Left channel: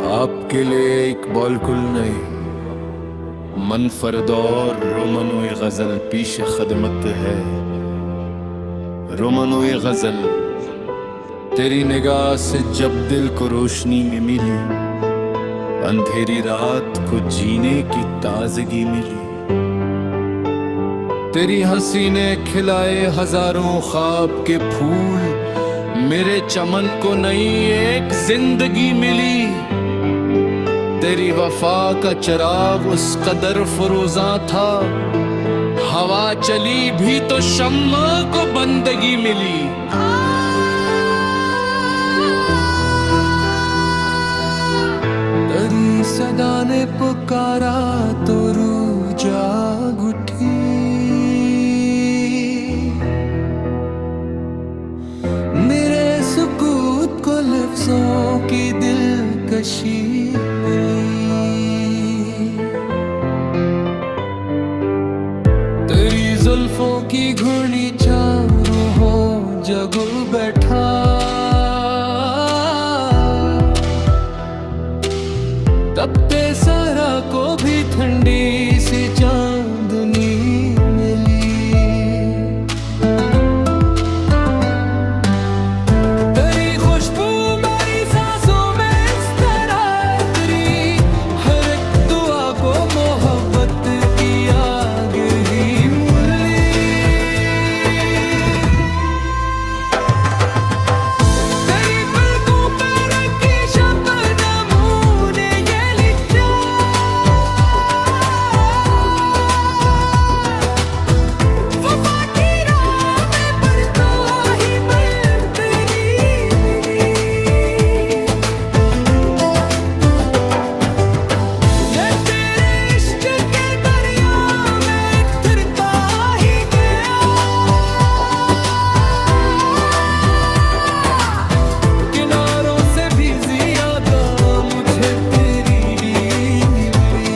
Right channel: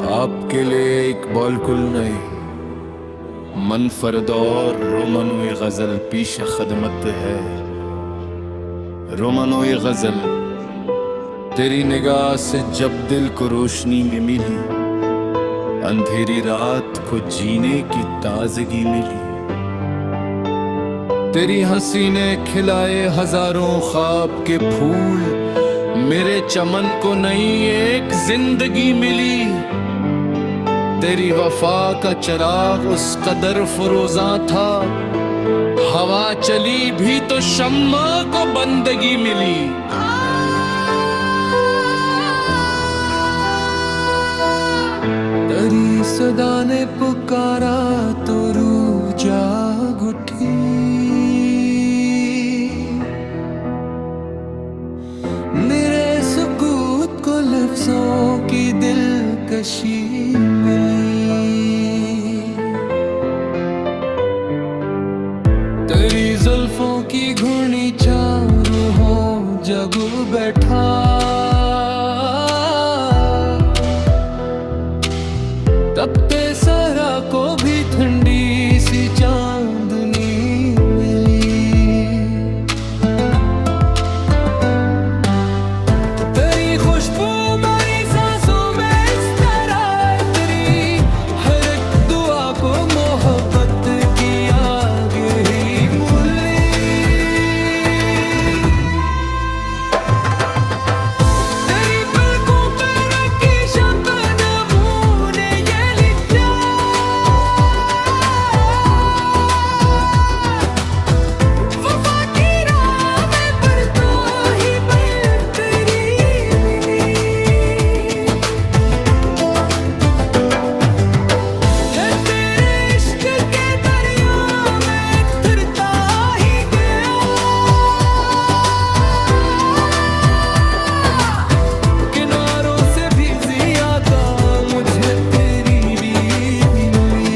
आपके लिए इकबाल कुल नहीं मनफरद और रोमनोए गजल पीश खदमत है। रोमनोए गजल तेरी निगाह से जब दिल को रोशनी में मिली, अंधेरी रात को जीने की ताजगी मिली। तेरी हंसी ने खिलाए हजारों ख्वाब के फूल, मेरे चमन को नई एक जिंदगी मिली। तेरी वफा का चिराग उस कदर फरोजा था, हवा चली भी तो शम्मा को बंदगी मिली। तेरी सदा ने पुकारा तो रूह जाग उठी, मेरे सुकूत को लफ्जों की दिलकशी मिली। तेरी जुल्फों की घुर्नी चारों हो जग बैठा, तपते सरा को भी ठंडी सी चांदनी मिली। तेरी खुशबू मेरी सांसों में इस तरह, तेरी हर एक दुआ को मोहब्बत की आग ही मूली। तेरी पलकों पे रखी शबनमों ने ये लिखा, वफा की राह में बरसों ही बन तेरी मिली। मैं तेरे इश्क के दरिया में उतरता ही गया, किनारों से भी ज्यादा मुझे तेरी भी मिली।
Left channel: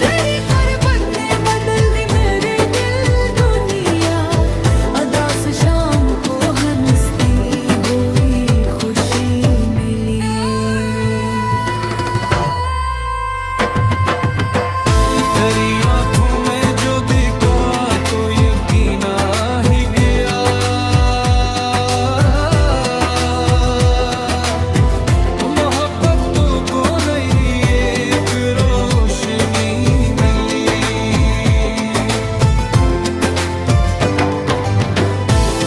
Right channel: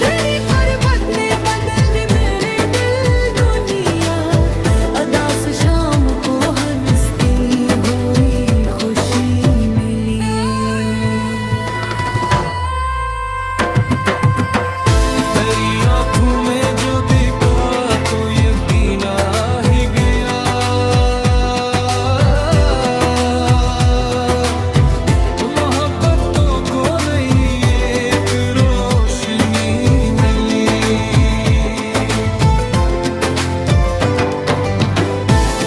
तेरी गुर्बत ने बदल दी मेरे दिल दुनिया, अदा से शाम को हंसती हुई खुशी मिली। तेरी आंखों में जो देखा तो यकीन आ ही गया, मोहब्बतों को नई एक रोशनी मिली।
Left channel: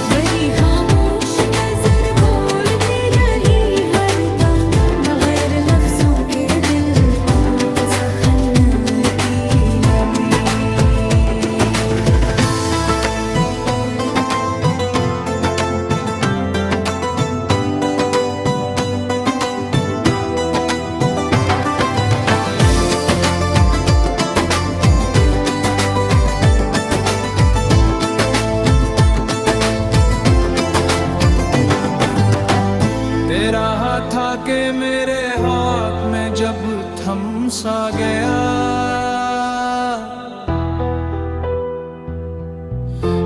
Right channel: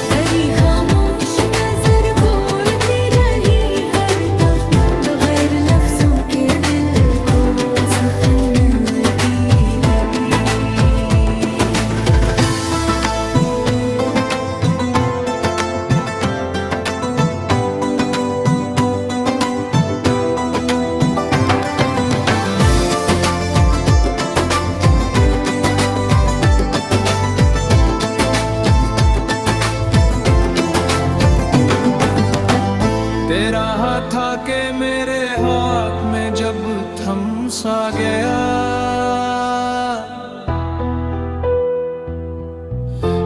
मेरी खामोश नजर बोलती रही हरदम, बगैर लफ्जों के दिल को सहनती मिली। तेरा हाथ आके मेरे हाथ में जब थम सा गया,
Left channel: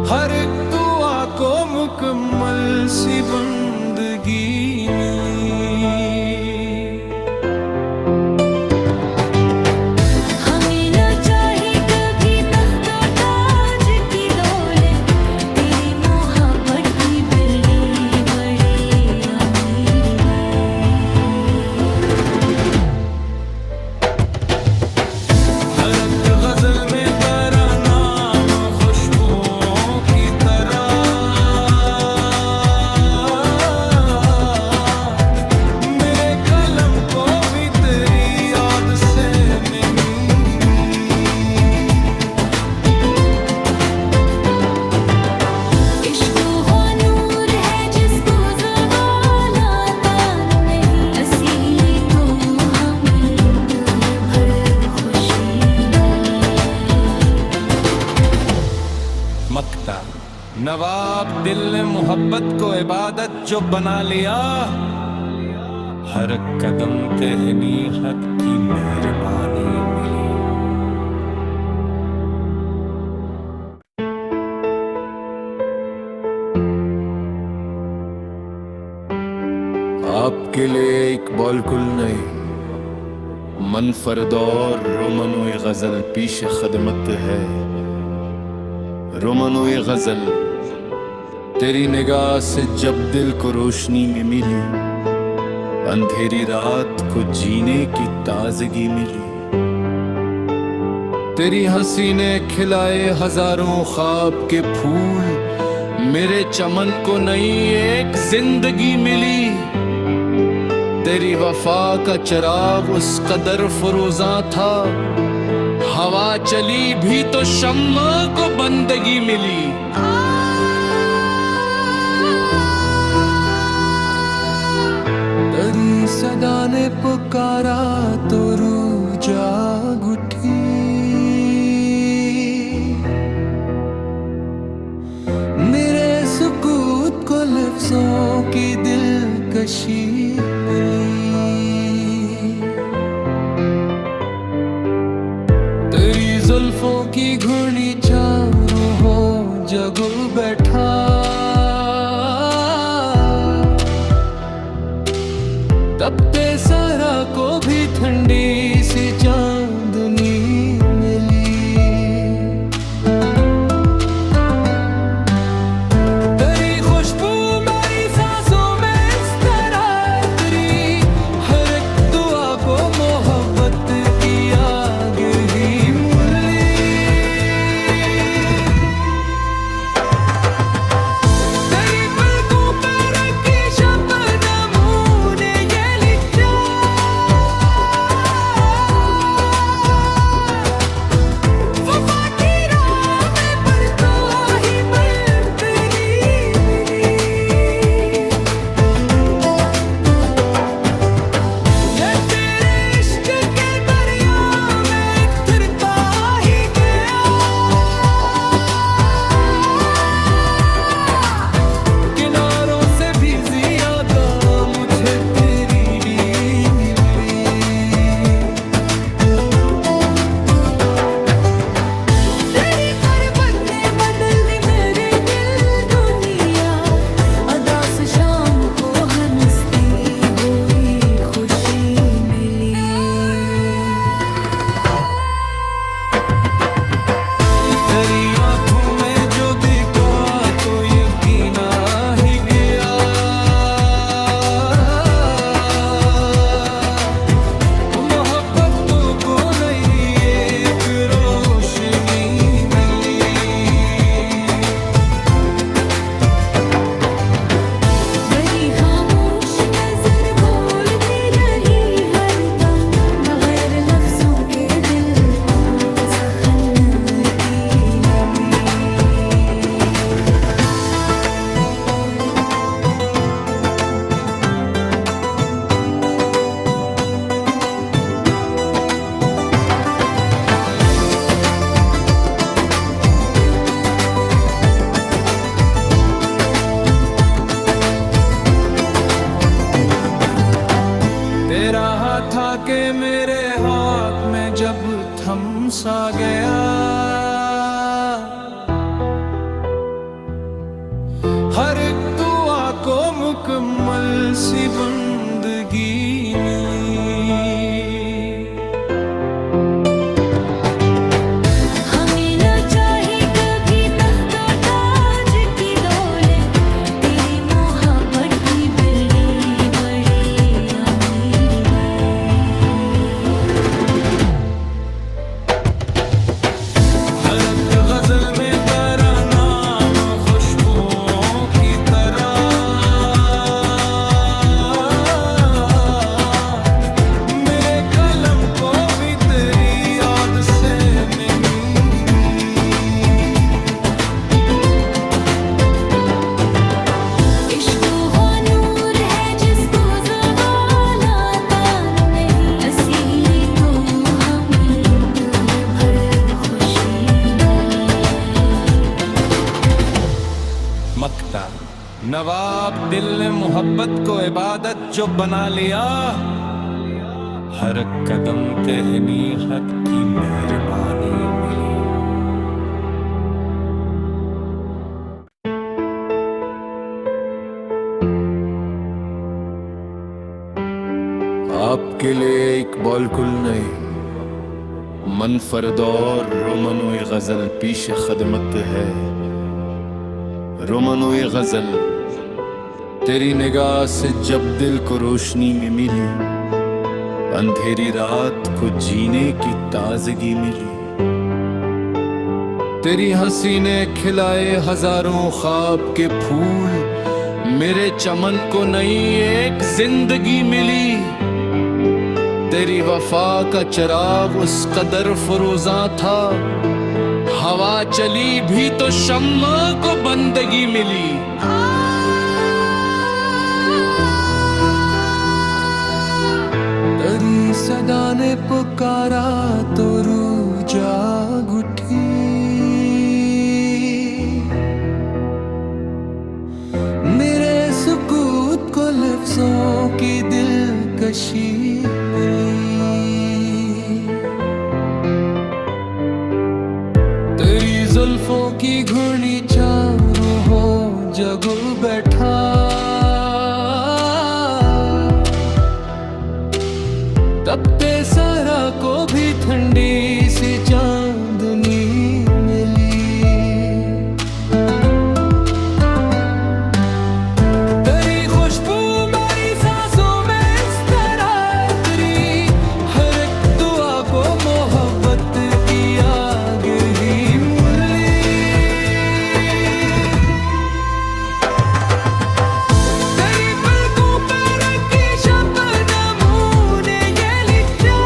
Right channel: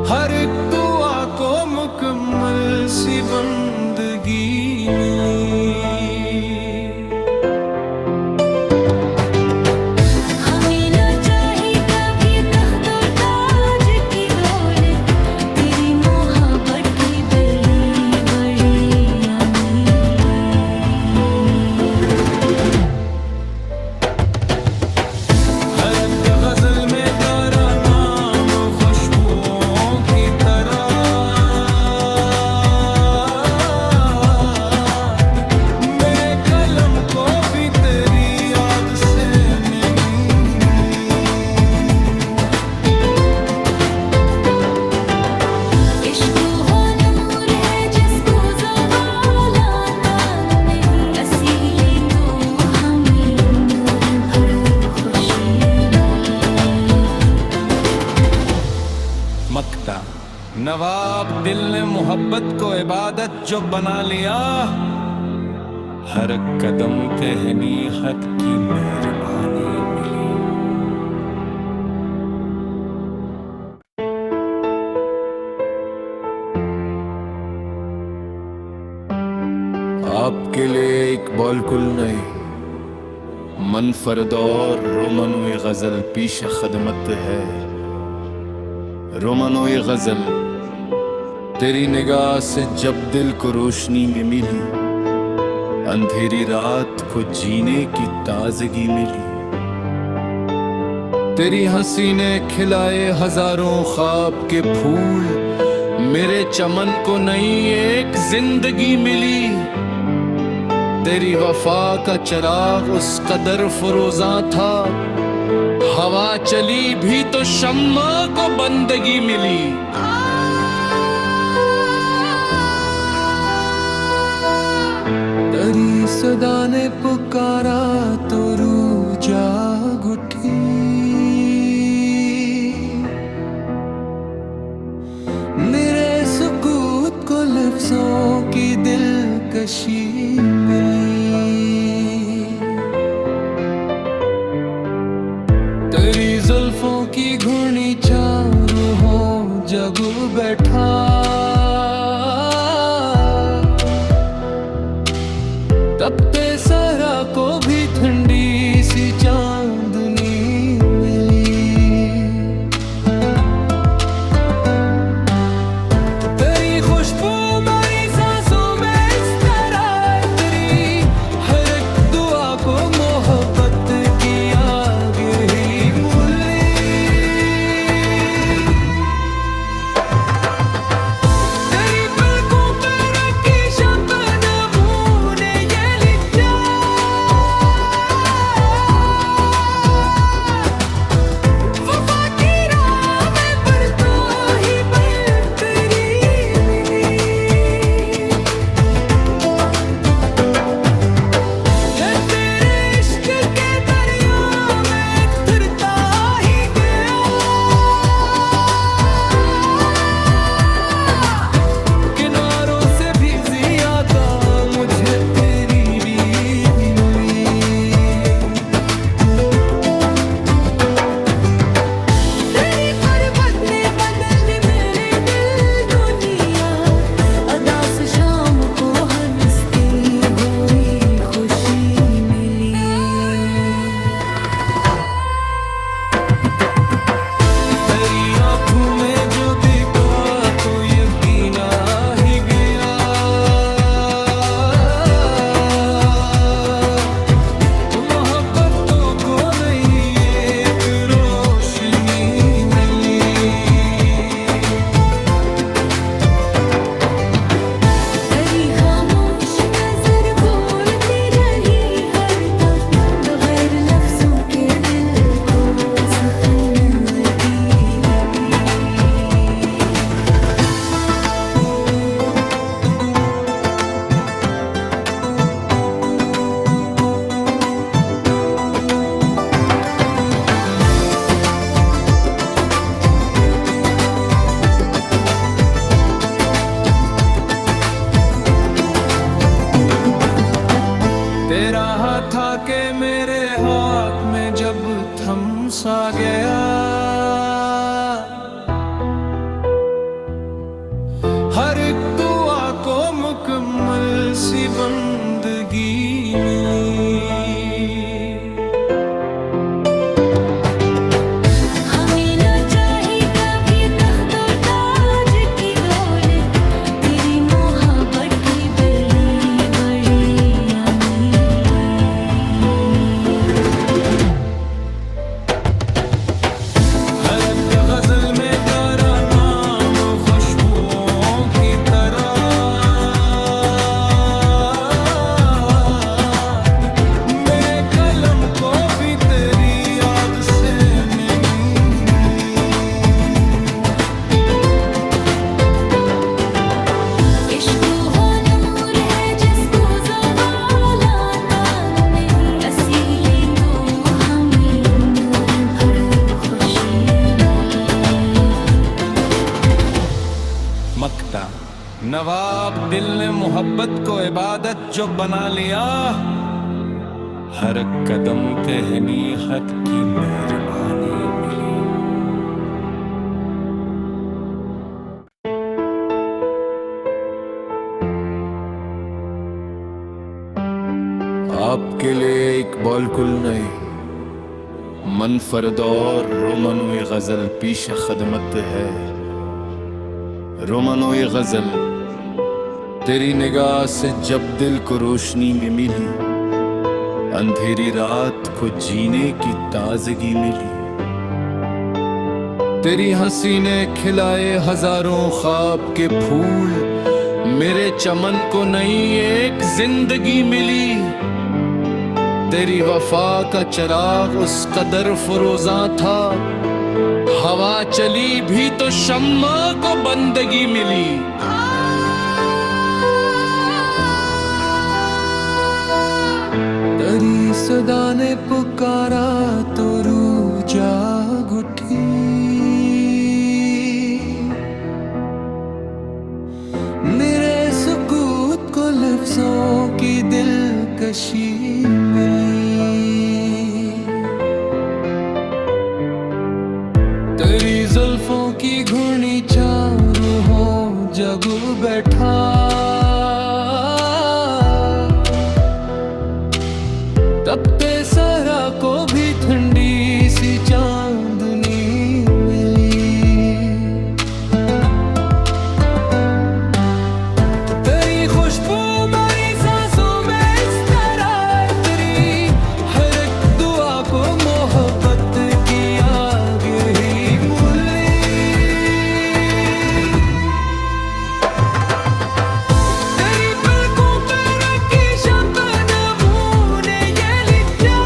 हर एक दुआ को मुकम्मल सी बंदगी मिली। हमें ना चाही कभी तख्तो ताज की दौलत, तेरी मोहब्बत की बड़ी बड़ी अमीरी। हर एक गजल में तेरा नाम खुशबुओं की तरह, मेरे कलम को भी तेरी याद से नमी। इश्क वो नूर है जिसको ज़वाल आता नहीं, असीली तो हमें उम्र भर खुशी मिली। मक्ता नवाब दिल ने मोहब्बत को इबादत जो बना लिया, हर कदम पे हनीहत की मेहरबानी मिली। आपके लिए एक बॉलकुल नहीं, मनफरदौर रोमनोई गजल पीश खदमत है। रोमनोई गजल तेरी निगाह से जब दिल को रोशनी में मिली, अंधेरी रात को जीने की ताजगी मिली। तेरी हंसी ने खिलाए हजारों ख्वाब के फूल, मेरे चमन को नई एक जिंदगी मिली। तेरी वफा का चिराग उस कदर फरोजा था, हवा चली भी तो शम्मा को बंदगी मिली। तेरी सदा ने पुकारा तो रूह जाग उठी, मेरे सुकूत को लफ्जों की दिलकशी मिली। तेरी जुल्फों की घुर्नी चारों हो जगू बैठा, तपते सारा को भी ठंडी सी चांदनी मिली। तेरी खुशबू मेरी सांसों में इस तरह तेरी हर एक दुआ को मोहब्बत की आग ही मूली। तेरी पलकों पे रखी शबनमों ने ये लिखा, वफा की राह में पर तो ही बन तेरी मिली। मैं तेरे इश्क के दरिया में फिरता ही गया, किनारों से भी ज्यादा मुझे तेरी रीत मिली। तेरी गुर्बत ने बदल दी मेरे दिल दुनिया, अदास शाम को हंसती हुई खुशी मिली। तेरी आंखों में जो देखा तो यकीन आ ही गया, मोहब्बतों को नई एक रोशनी मिली। मेरी खामोश नजर बोलती रही हरदम, बगैर लफ्जों के दिल को सहनती मिली। तेरा हाथ आके मेरे हाथ में जब थम सा गया, हर एक दुआ को मुकम्मल सी बंदगी मिली। हमें न चाहिए कभी तख्तो ताज की दौलत, तेरी मोहब्बत की बड़ी बड़ी अमीरी। हर एक गजल में तेरा नाम खुशबुओं की तरह, मेरे कलम को भी तेरी याद से नमी। इश्क वो नूर है जिसको ज़वाल आता नहीं, असीली तो हमें उम्र भर खुशी मिली। मक्ता नवाब दिल ने मोहब्बत को इबादत जो बना लिया, हर कदम पे हनीहत की मेहरबानी मिली। आपके लिए इकबाल कुल नहीं, मनफरद और रोमनोई गजल पीश खदमत है। रोमनोई गजल तेरी निगाह से जब दिल को रोशनी में मिली, अंधेरी रात को जीने की ताजगी मिली। तेरी हंसी ने खिलाए हजारों ख्वाब के फूल, मेरे चमन को नई एक जिंदगी मिली। तेरी वफा का चिराग उस कदर फरोजा था, हवा चली भी तो शम्मा को बंदगी मिली। तेरी सदा ने पुकारा तो रूह जाग उठी, मेरे सुकूत को लफ्जों की दिलकशी मिली। तेरी जुल्फों की घुर्नी चारों हो जगू बैठा, तपते सहरा को भी ठंडी सी चांदनी मिली। तेरी खुशबू मेरी सांसों में इस तरह तेरी हर एक दुआ को मोहब्बत की आग ही मूली। तेरी पलकों पे रखी शबनमों ने ये लिखा,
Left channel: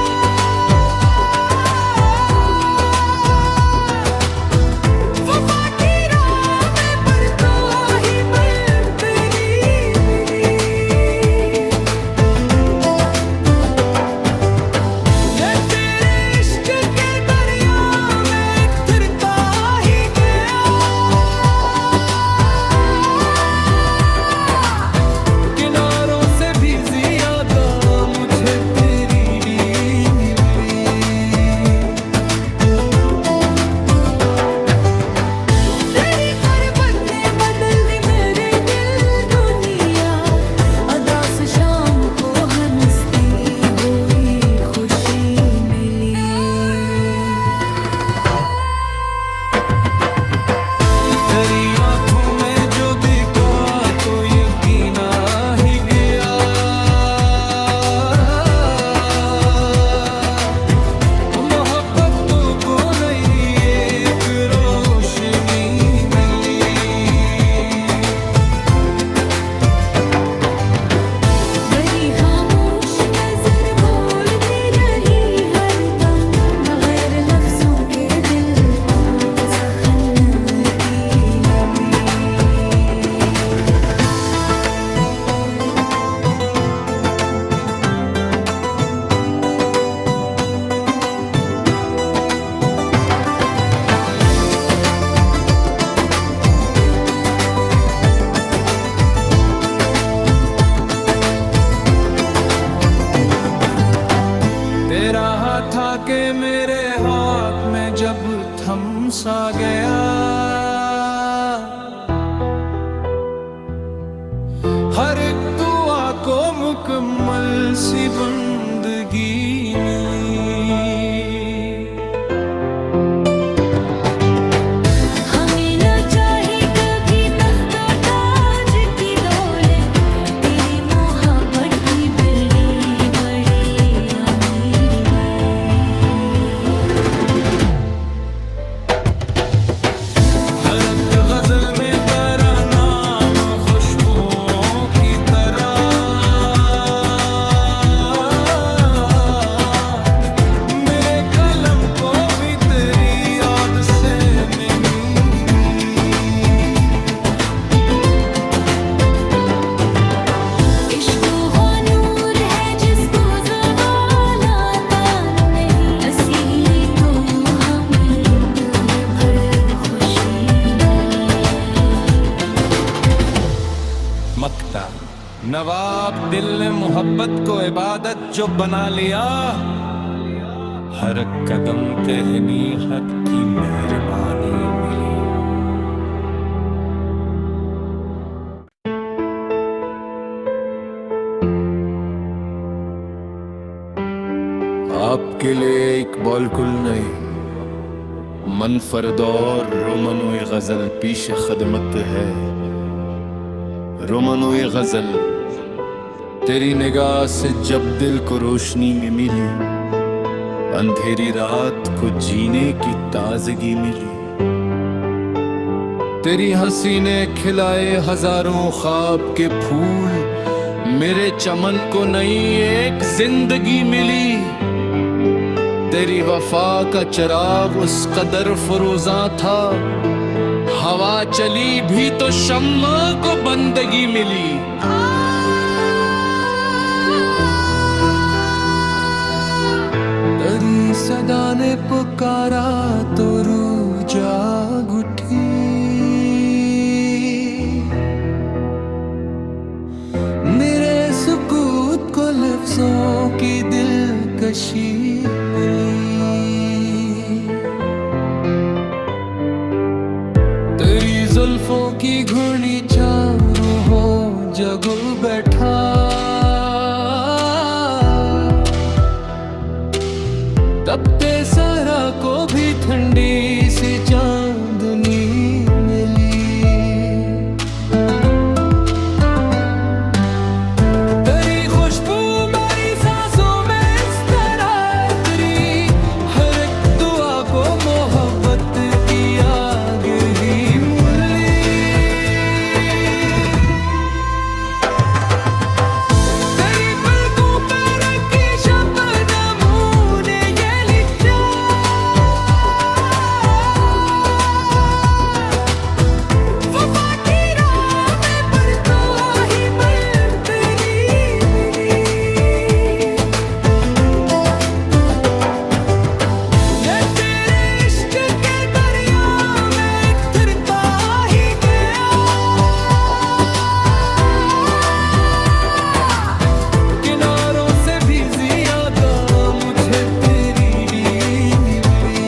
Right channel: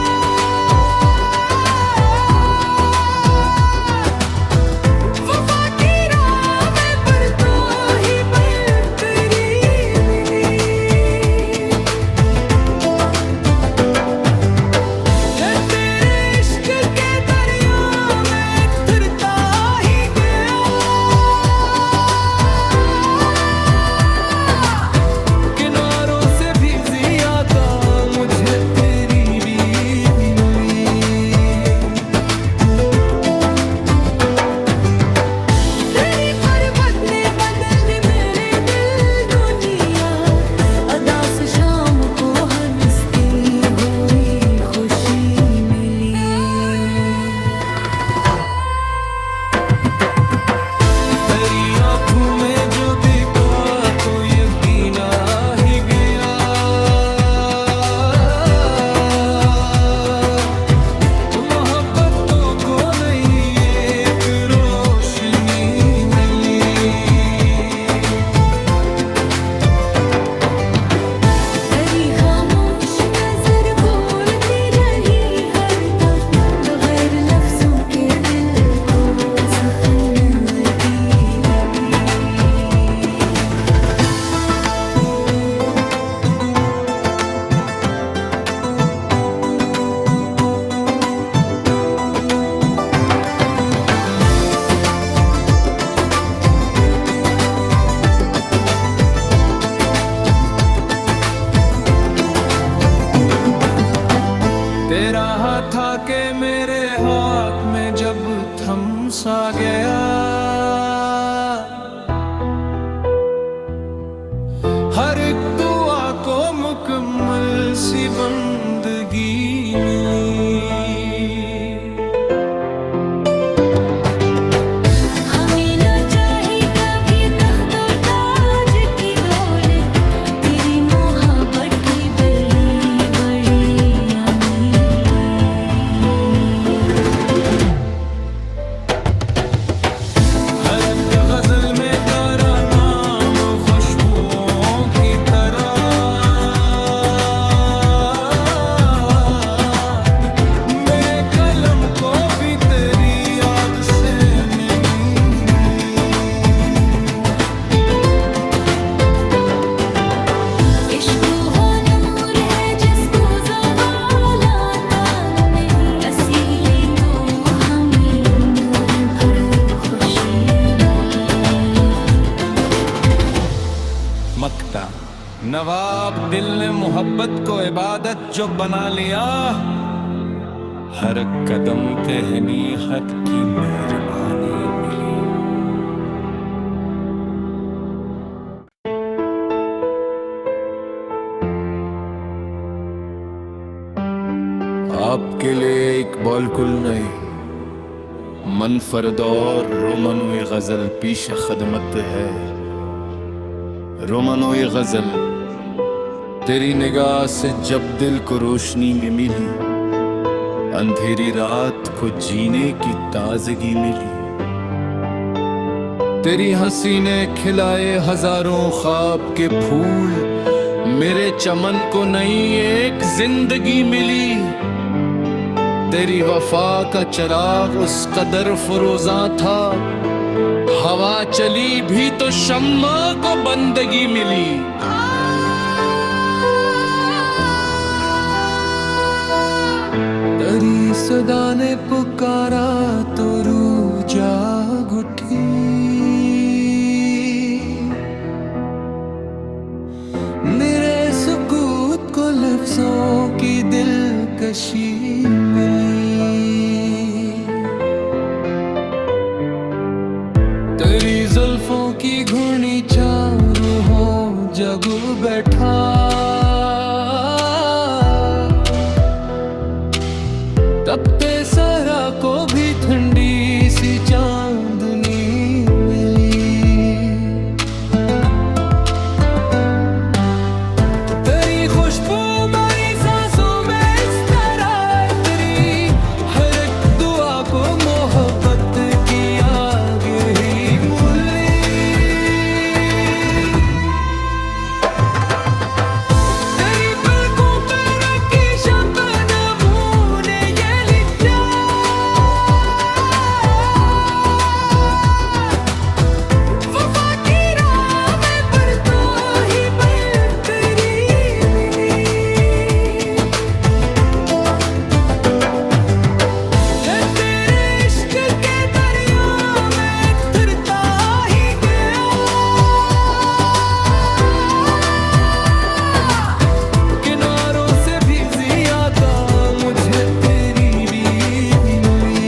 वफा की राह में बरतो ही बन तेरी मिली। मैं तेरे इश्क के दरिया में उतरता ही गया, किनारों से भी ज्यादा मुझे तेरी भी मिली। तेरी पर्वत ने बदल दी मेरे दिल दुनिया, अदा से शाम को हंसती हुई खुशी मिली। तेरी आंखों में जो दिखा तो यकीन आ ही गया, मोहब्बतों को नई एक रोशनी मिली। मेरी खामोश नजर बोलती रही हरदम, बगैर लफ्जों के दिल को सहनवती मिली। तेरा हाथ आके मेरे हाथ में जब थम सा गया, हर एक दुआ को मुकम्मल सी बंदगी मिली। हमें ना चाही कभी तख्तो ताज की दौलत, तेरी मोहब्बत की बड़ी बड़ी अमीरी। हर एक गजल में तेरा नाम खुशबुओं की तरह, मेरे कलम को भी तेरी याद से नमी मिली। इश्क वो नूर है जिसको ज़वाल आता नहीं, असीली तो हमें उम्र भर खुशी मिली। मक्ता नवाब दिल ने मोहब्बत को इबादत जो बना लिया, हर कदम पे हनीहत की मेहरबानी मिली। आपके लिए एक बॉलकुल नई मनफरदौर रोमनोई गजल पीश खदमत है। रोमनोई गजल तेरी निगाह से जब दिल को रोशनी में मिली, अंधेरी रात को जीने की ताजगी मिली। तेरी हंसी ने खिलाए हजारों ख्वाब के फूल, मेरे चमन को नई एक जिंदगी मिली। तेरी वफा का चिराग उस कदर फरोजा था, हवा चली भी तो शम्मा को बंदगी मिली। तेरी सदा ने पुकारा तो रूह जाग उठी, मेरे सुकूत को लफ्जों की दिलकशी मिली। तेरी जुल्फों की घुर्नी चारों हो जग बैठा, तपते सरा को भी ठंडी सी चांदनी मिली। तेरी खुशबू मेरी सांसों में इस तरह, तेरी हर एक दुआ को मोहब्बत की आग ही मूली। तेरी पलकों पे रखी शबनमों ने ये लिखा, वफा की राह में पर तो ही बन तेरी मिली। मैं तेरे इश्क के दरिया में फिरता ही गया, किनारों से भी ज्यादा मुझे तेरी रीत मिली।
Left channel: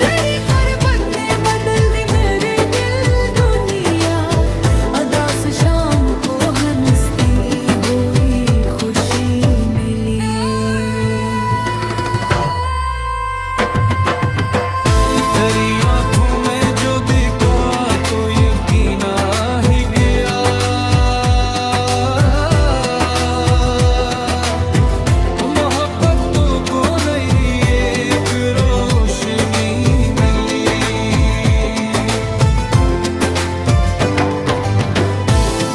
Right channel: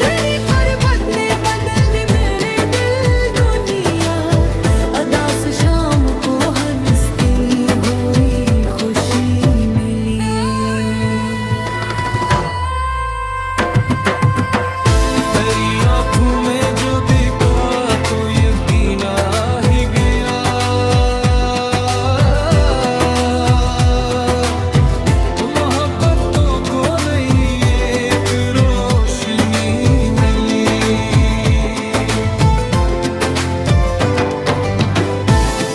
तेरी पर्वत ने बदल दी मेरे दिल दुनिया, अदास शाम को हंसती हुई खुशी मिली। तेरी आंखों में जो देखा तो यकीन आ ही गया, मोहब्बतों को नई एक रोशनी मिली।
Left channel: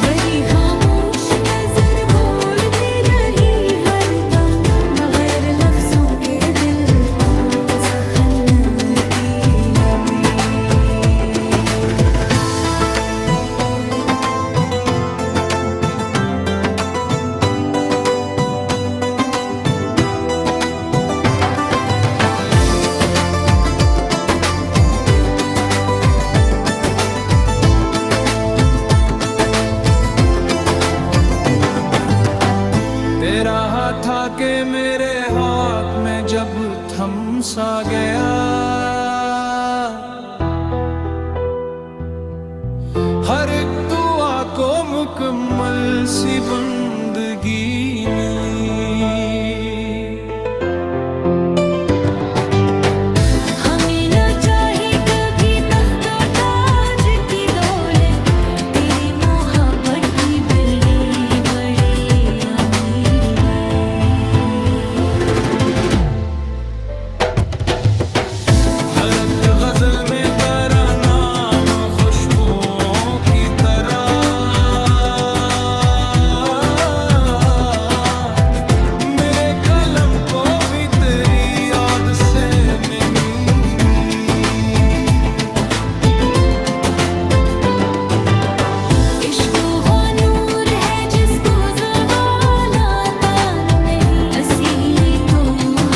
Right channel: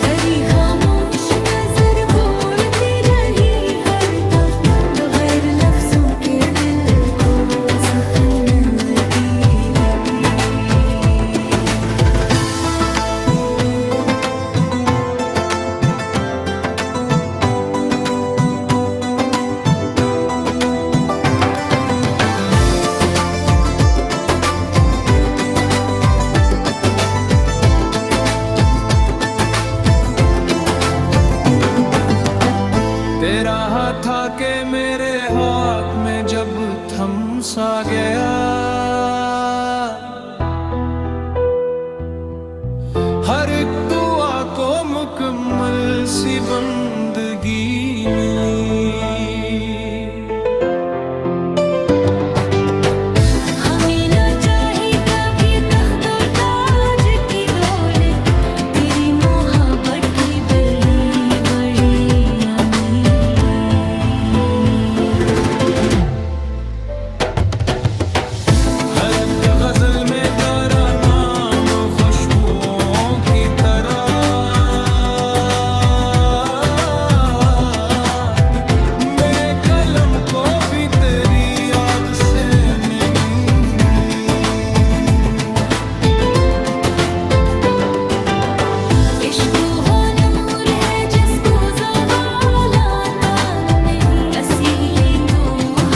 मेरी खामोश नजर बोलती रही हरदम, बगैर लफ्जों के दिल को सहनती मिली। तेरा हाथ आके मेरे हाथ में जब थम सा गया, हर एक दुआ को मुकम्मल सी बंदगी मिली। हमें न चाही कभी तख्तो ताज की दौलत, तेरी मोहब्बत की बड़ी बड़ी अमीरी। हर एक गजल में तेरा नाम खुशबुओं की तरह, मेरे कलम को भी तेरी याद से नहीं। इश्क वो नूर है जिसको ज़वाल आता नहीं, असीली तो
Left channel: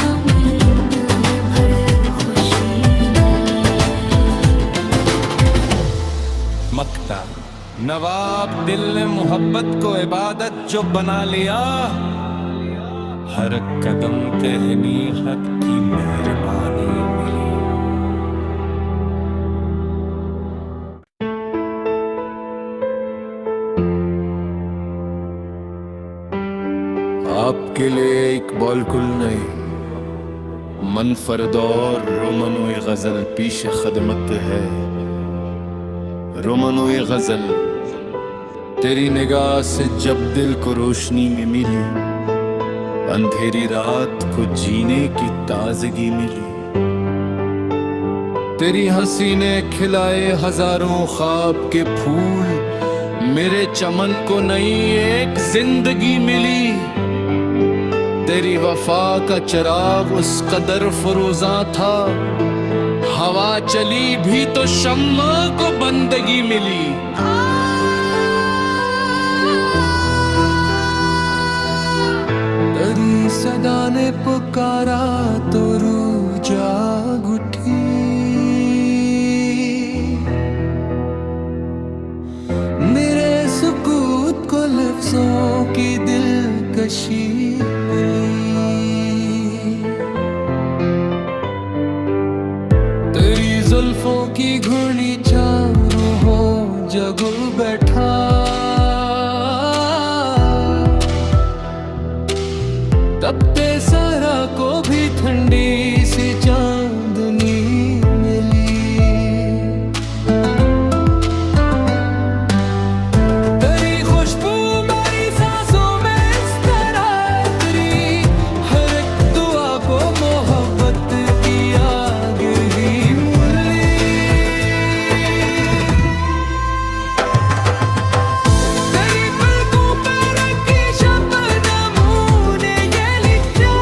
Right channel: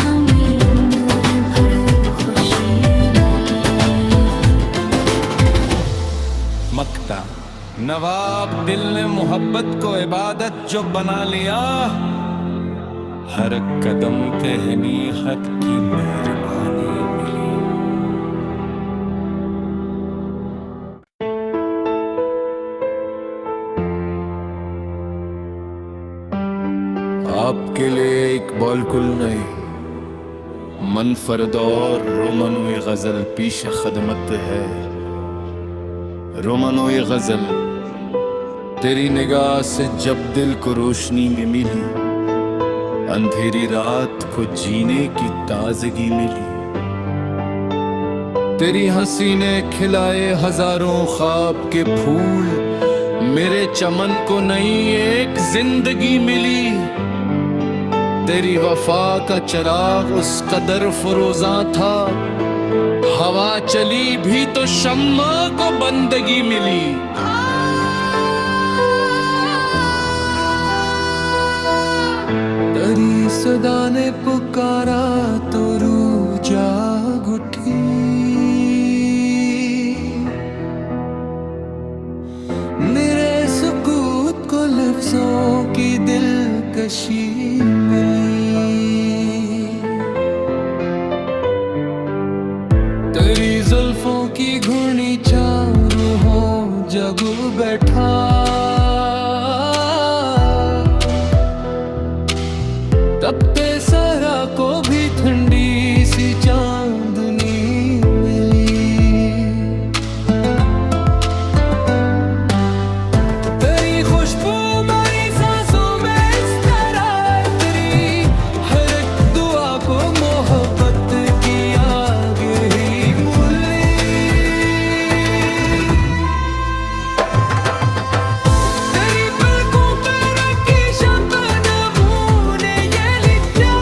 हमें उम्र भर खुशी मिली। मक्ता नवाब दिल ने मोहब्बत को इबादत जो बना लिया, हर कदम पे हनीहत की मेहरबानी मिली। आपके लिए एक बॉलकुल नहीं, मनफरद और रोमनोई गजल पीश खदमत है। रोमनोई गजल तेरी निगाह से जब दिल को रोशनी में मिली, अंधेरी रात को जीने की ताजगी मिली। तेरी हंसी ने खिलाए हजारों ख्वाब के फूल, मेरे चमन को नई एक जिंदगी मिली। तेरी वफा का चिराग उस कदर फरोजा था, हवा चली भी तो शम्मा को बंदगी मिली। तेरी सदा ने पुकारा तो रूह जाग उठी, मेरे सुकूत को लफ्जों की दिलकशी मिली। तेरी जुल्फों की घुर्नी चारों हो जगू बैठा, तपते सरा को भी ठंडी सी चांदनी मिली। तेरी खुशबू मेरी सांसों में इस तरह तेरी हर एक दुआ को मोहब्बत की आग ही मूली। तेरी पलकों पे रखी शबनमों ने ये लिखा,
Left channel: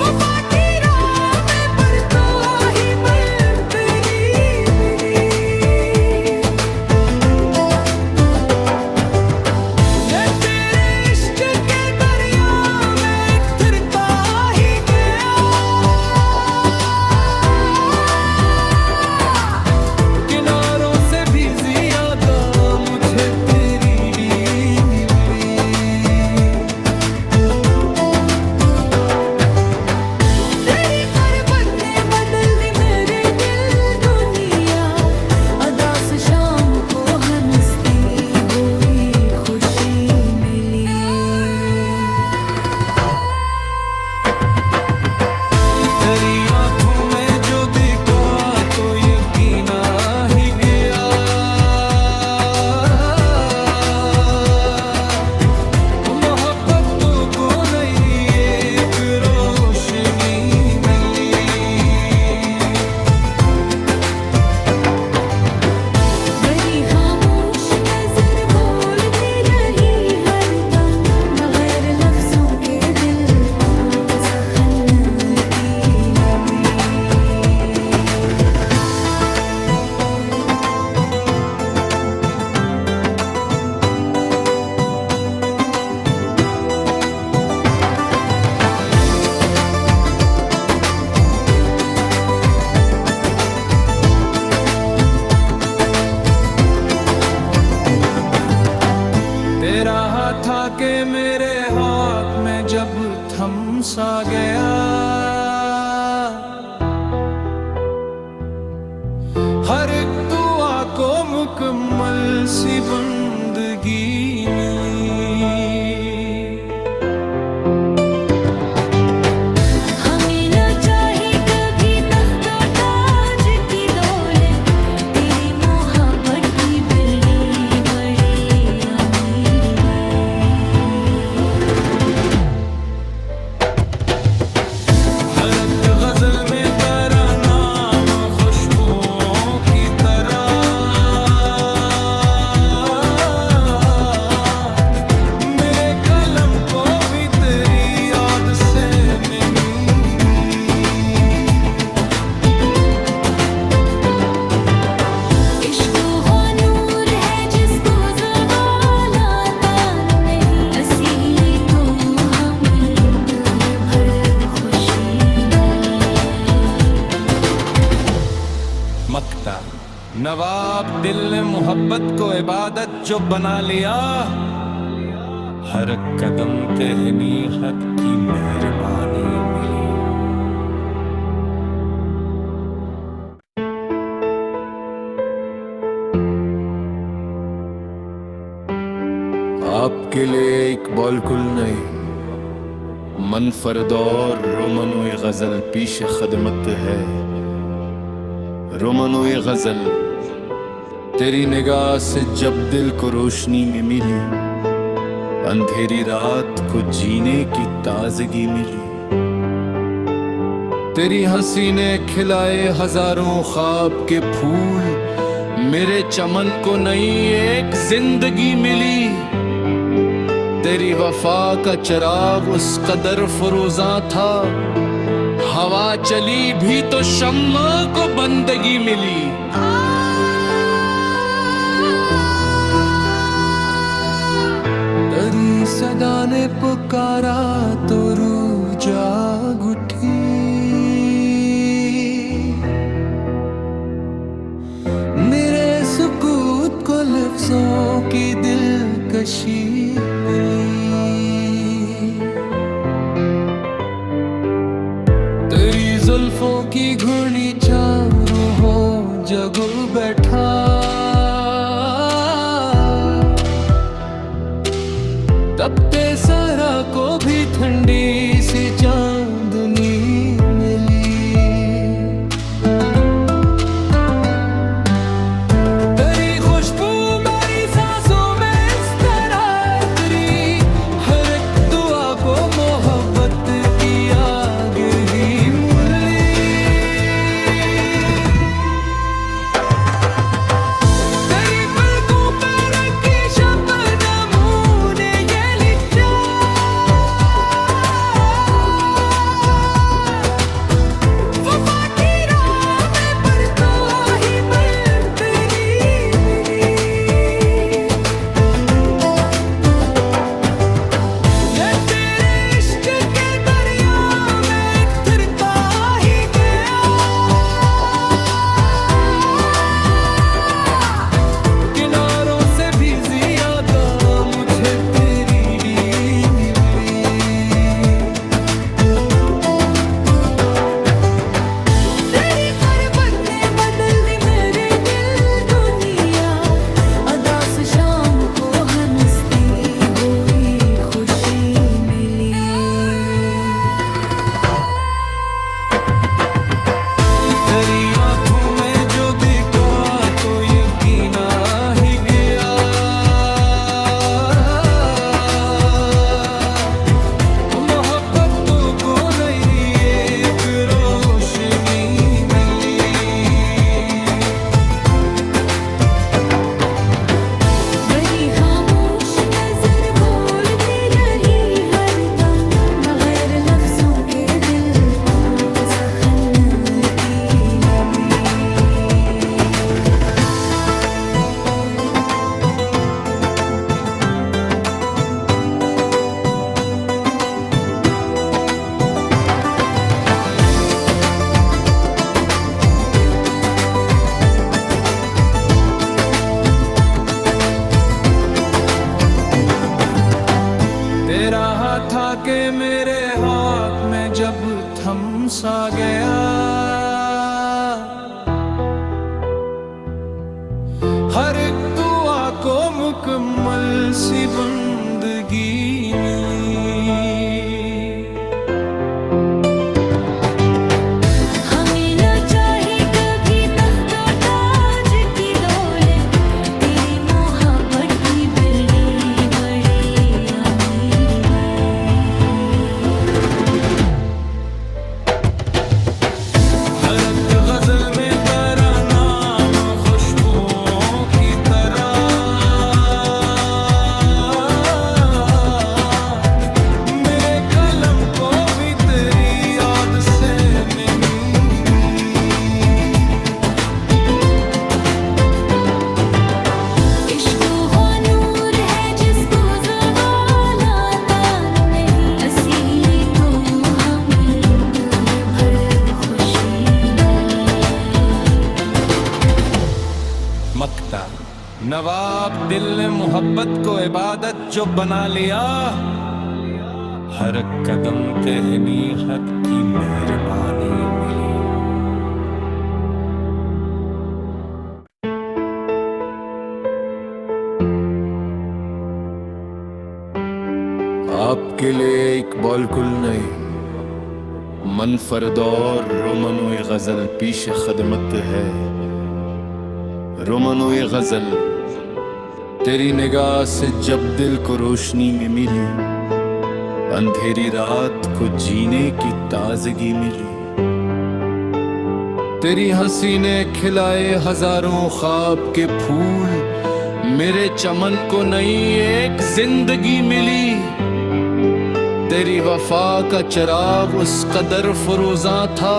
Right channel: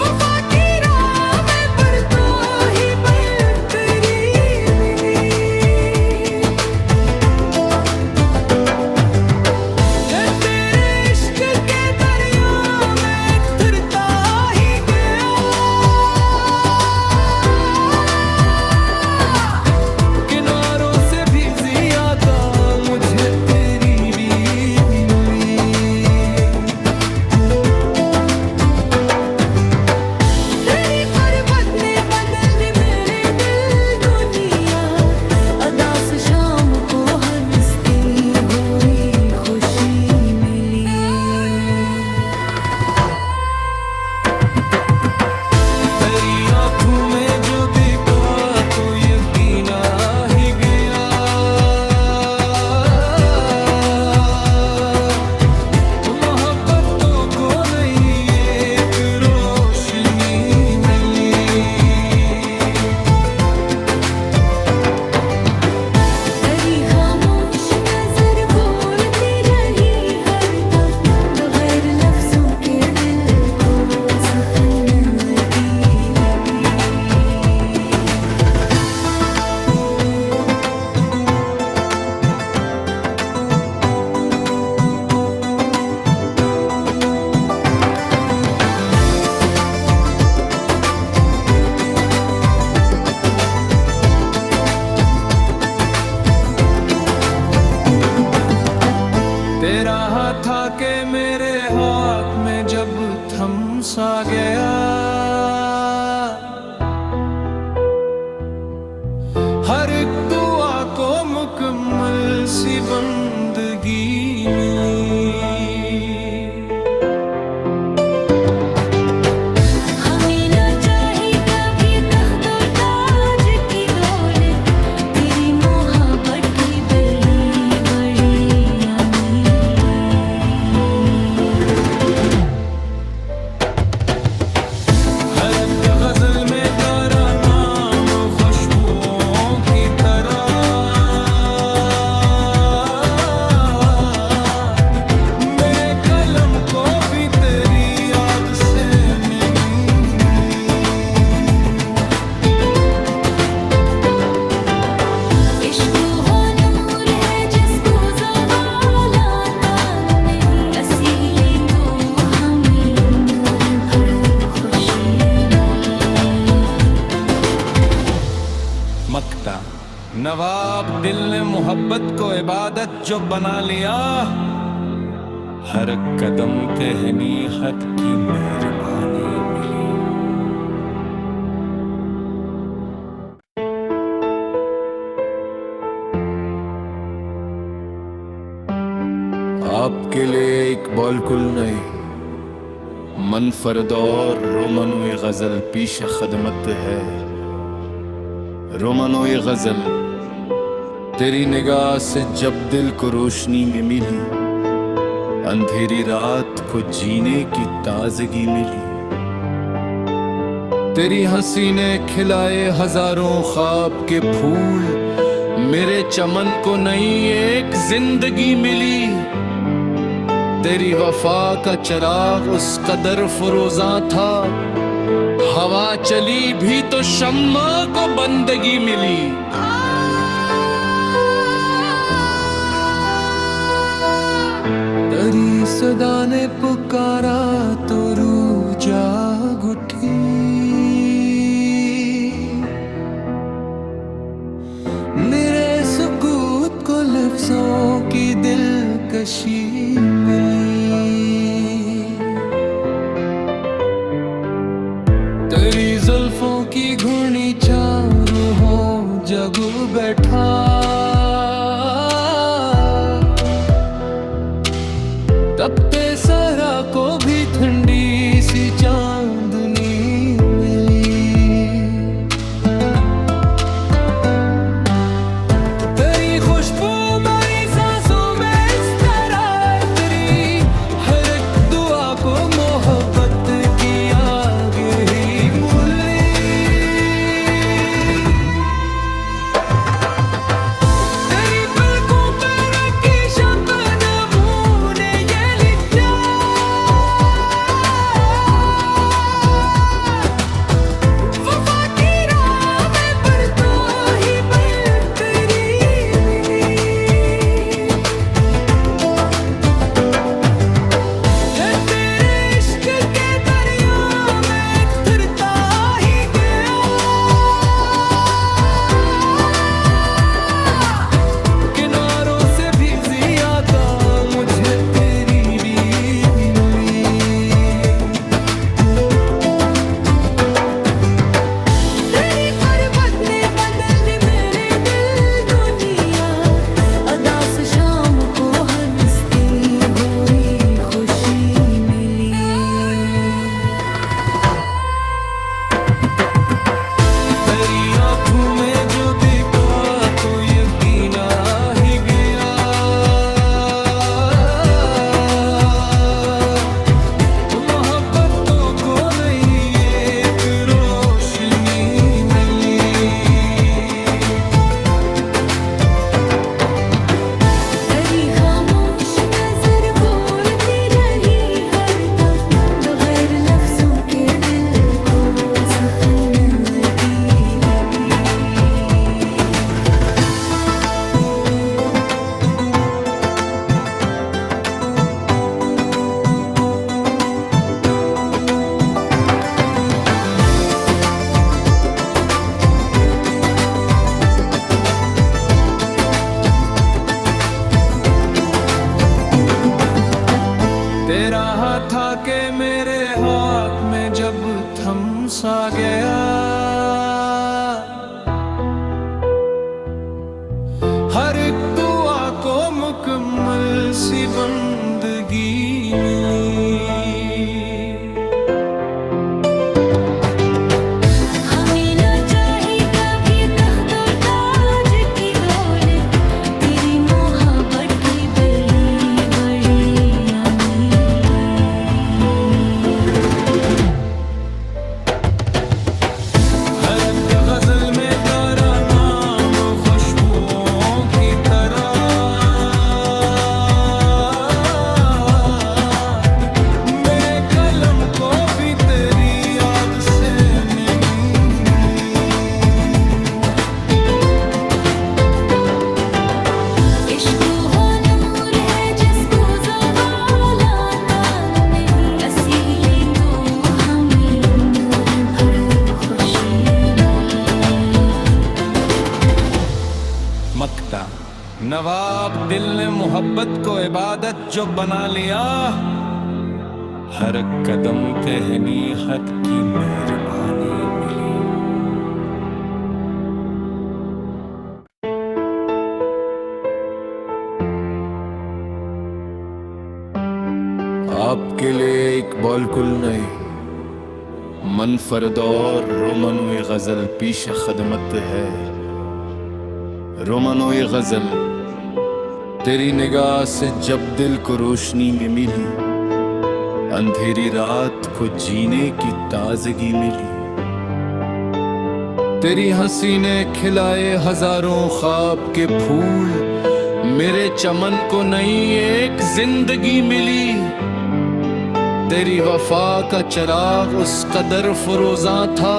वफा की राह में पर तो ही बन तेरी मिली। मैं तेरे इश्क के दरिया में फिरता ही गया, किनारों से भी ज्यादा मुझे तेरी भी मिली। तेरी गुर्बत ने बदल दी मेरे दिल दुनिया, अदास शाम को हंसती हुई खुशी मिली। तेरी आंखों में जो देखा तो यकीन आ ही गया, मोहब्बतों को नई एक रोशनी मिली। मेरी खामोश नजर बोलती रही हरदम, बगैर लफ्जों के दिल को सहनती मिली। तेरा हाथ आके मेरे हाथ में जब थम सा गया, हर एक दुआ को मुकम्मल सी बंदगी मिली। हमें ना चाहिए कभी तख्तो ताज की दौलत, तेरी मोहब्बत की बड़ी बड़ी अमीरी। हर एक गजल में तेरा नाम खुशबुओं की तरह, मेरे कलम को भी तेरी याद से नमी। इश्क वो नूर है जिसको ज़वाल आता नहीं, असीली तो हमें उम्र भर खुशी मिली। मक्ता नवाब दिल ने मोहब्बत को इबादत जो बना लिया, हर कदम पे हनीहत की मेहरबानी मिली। आपके लिए इकबाल कुल नहीं, मनफरद और रोमनोई गजल पीश खदमत है। रोमनोई गजल तेरी निगाह से जब दिल को रोशनी में मिली, अंधेरी रात को जीने की ताजगी मिली। तेरी हंसी ने खिलाए हजारों ख्वाब के फूल, मेरे चमन को नई एक जिंदगी मिली। तेरी वफा का चिराग उस कदर फरोजा था, हवा चली भी तो शम्मा को बंदगी मिली। तेरी सदा ने पुकारा तो रूह जाग उठी, मेरे सुकूत को लफ्जों की दिलकशी मिली। तेरी जुल्फों की घुर्नी चारों हो जग बैठा, तपते सरा को भी ठंडी सी चांदनी मिली। तेरी खुशबू मेरी सांसों में इस तरह तेरी हर एक दुआ को मोहब्बत की आग ही मूली। तेरी पलकों पे रखी शबनमों ने ये लिखा, वफा की राह में पर तो ही बन तेरी मिली। मैं तेरे इश्क के दरिया में उतरता ही गया, किनारों से भी ज्यादा मुझे तेरी भी मिली। तेरी गुर्बत ने बदल दी मेरे दिल दुनिया, अदा से शाम को हंसती हुई खुशी मिली। तेरी आंखों में जो देखा तो यकीन आ ही गया, मोहब्बतों को नई एक रोशनी मिली। मेरी खामोश नजर बोलती रही हरदम, बगैर लफ्जों के दिल को सहनवती मिली। तेरा हाथ आके मेरे हाथ में जब थम सा गया, हर एक दुआ को मुकम्मल सी बंदगी मिली। हमें ना चाही कभी तख्तो ताज की दौलत, तेरी मोहब्बत की बड़ी बड़ी अमीरी। हर एक गजल में तेरा नाम खुशबुओं की तरह, मेरे कलम को भी तेरी याद से नमी मिली। इश्क वो नूर है जिसको ज़वाल आता नहीं, असीली तो हमें उम्र भर खुशी मिली। मक्ता नवाब दिल ने मोहब्बत को इबादत जो बना लिया, हर कदम पे हनीहत की मेहरबानी मिली। आपके लिए एक बॉलकुल नहीं, मनफरदौर रोमनोई गजल पीश खदमत है। रोमनोई गजल तेरी निगाह से जब दिल को रोशनी में मिली, अंधेरी रात को जीने की ताजगी मिली। तेरी हंसी ने खिलाए हजारों ख्वाब के फूल, मेरे चमन को नई एक जिंदगी मिली। तेरी वफा का चिराग उस कदर फरोजा था,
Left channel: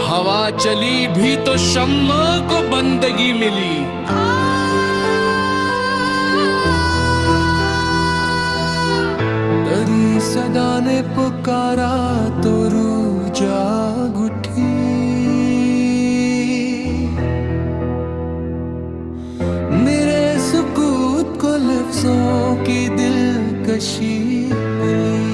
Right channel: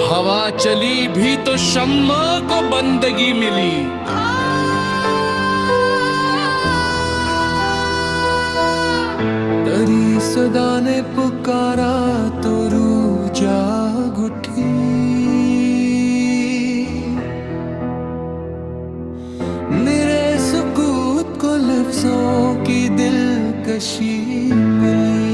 हवा चली भी तो शम्मा को बंदगी मिली। तेरी सदा ने पुकारा तो रूह जाग उठी, मेरे सुकूत को लफ्जों की दिलकशी मिली।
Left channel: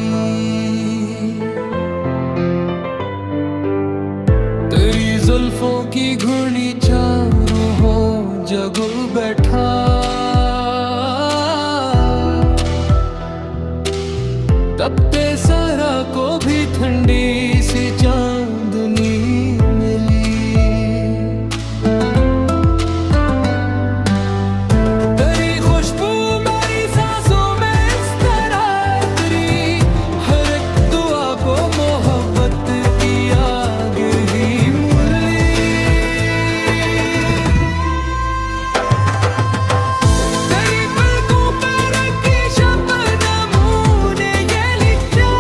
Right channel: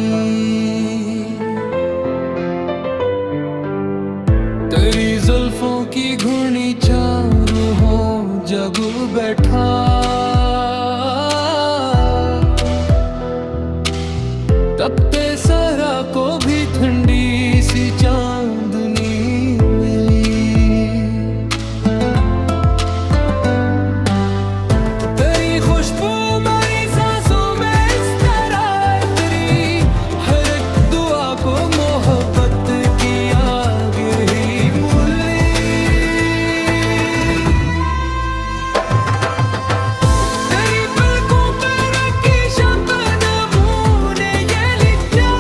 तेरी जुल्फों की घुर्नी चारों हो जग बैठा, तपते सरा को भी ठंडी सी चांदनी मिली। तेरी खुशबू मेरी सांसों में इस तरह, तेरी हर एक दुआ को मोहब्बत की आग ही मूली। तेरी पलकों पे रखी शबनमों ने ये लिखा,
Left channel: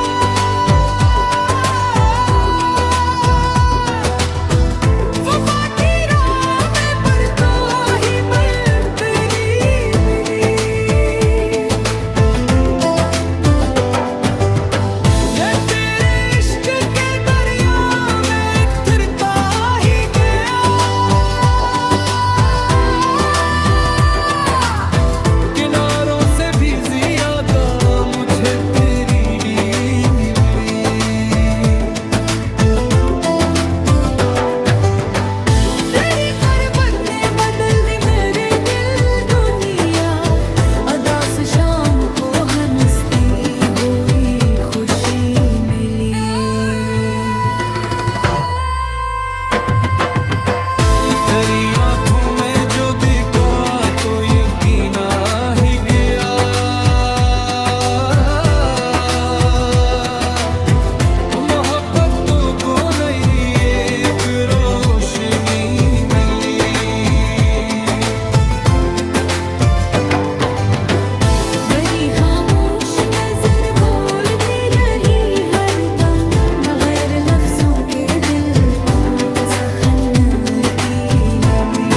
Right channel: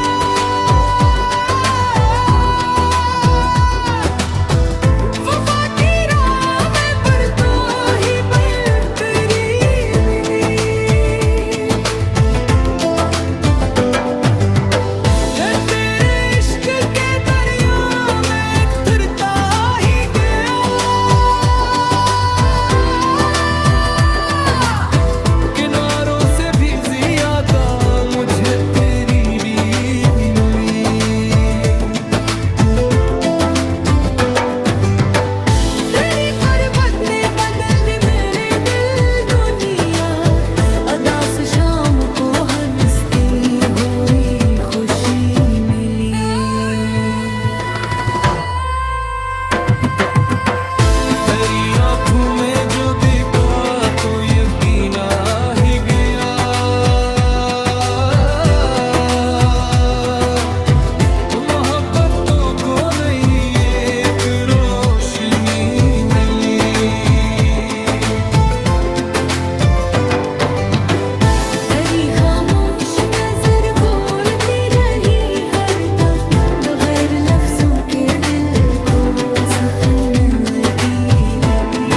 वफा की राह में पर तो ही बन तेरी मिली। मैं तेरे इश्क के दरिया में फिरता ही गया, किनारों से भी ज्यादा मुझे तेरी रीत मिली। तेरी गुर्बत ने बदल दी मेरे दिल दुनिया, अदास शाम को हंसती हुई खुशी मिली। तेरी आंखों में जो दिखा तो यकीन आ ही गया, मोहब्बतों को नई एक रोशनी मिली। मेरी खामोश नजर बोलती रही हरदम, बगैर लफ्जों के दिल को सहनती मिली।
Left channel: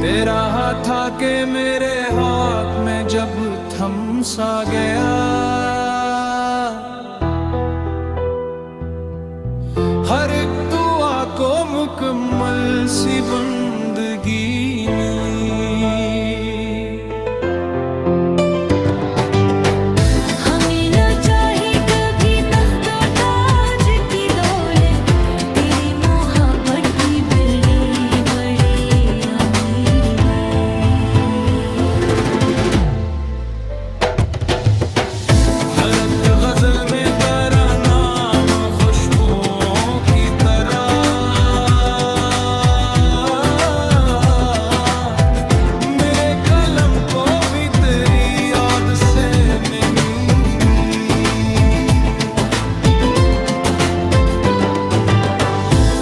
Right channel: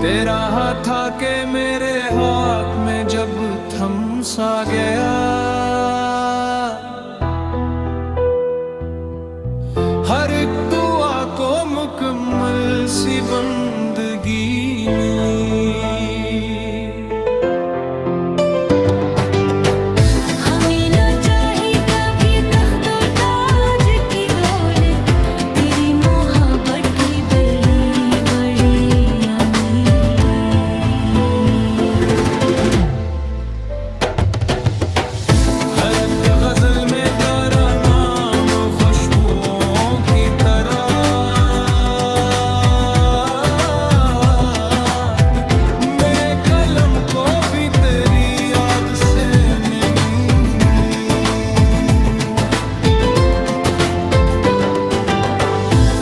तेरा हाथ आके मेरे हाथ में जब थम सा गया, हर एक दुआ को मुकम्मल सी बंदगी मिली। हमें न चाही कभी तख्त और ताज की दौलत, तेरी मोहब्बत की बड़ी बड़ी अमीरी। हर एक गजल में तेरा नाम खुशबुओं की तरह, मेरे कलम को भी तेरी याद से नमी।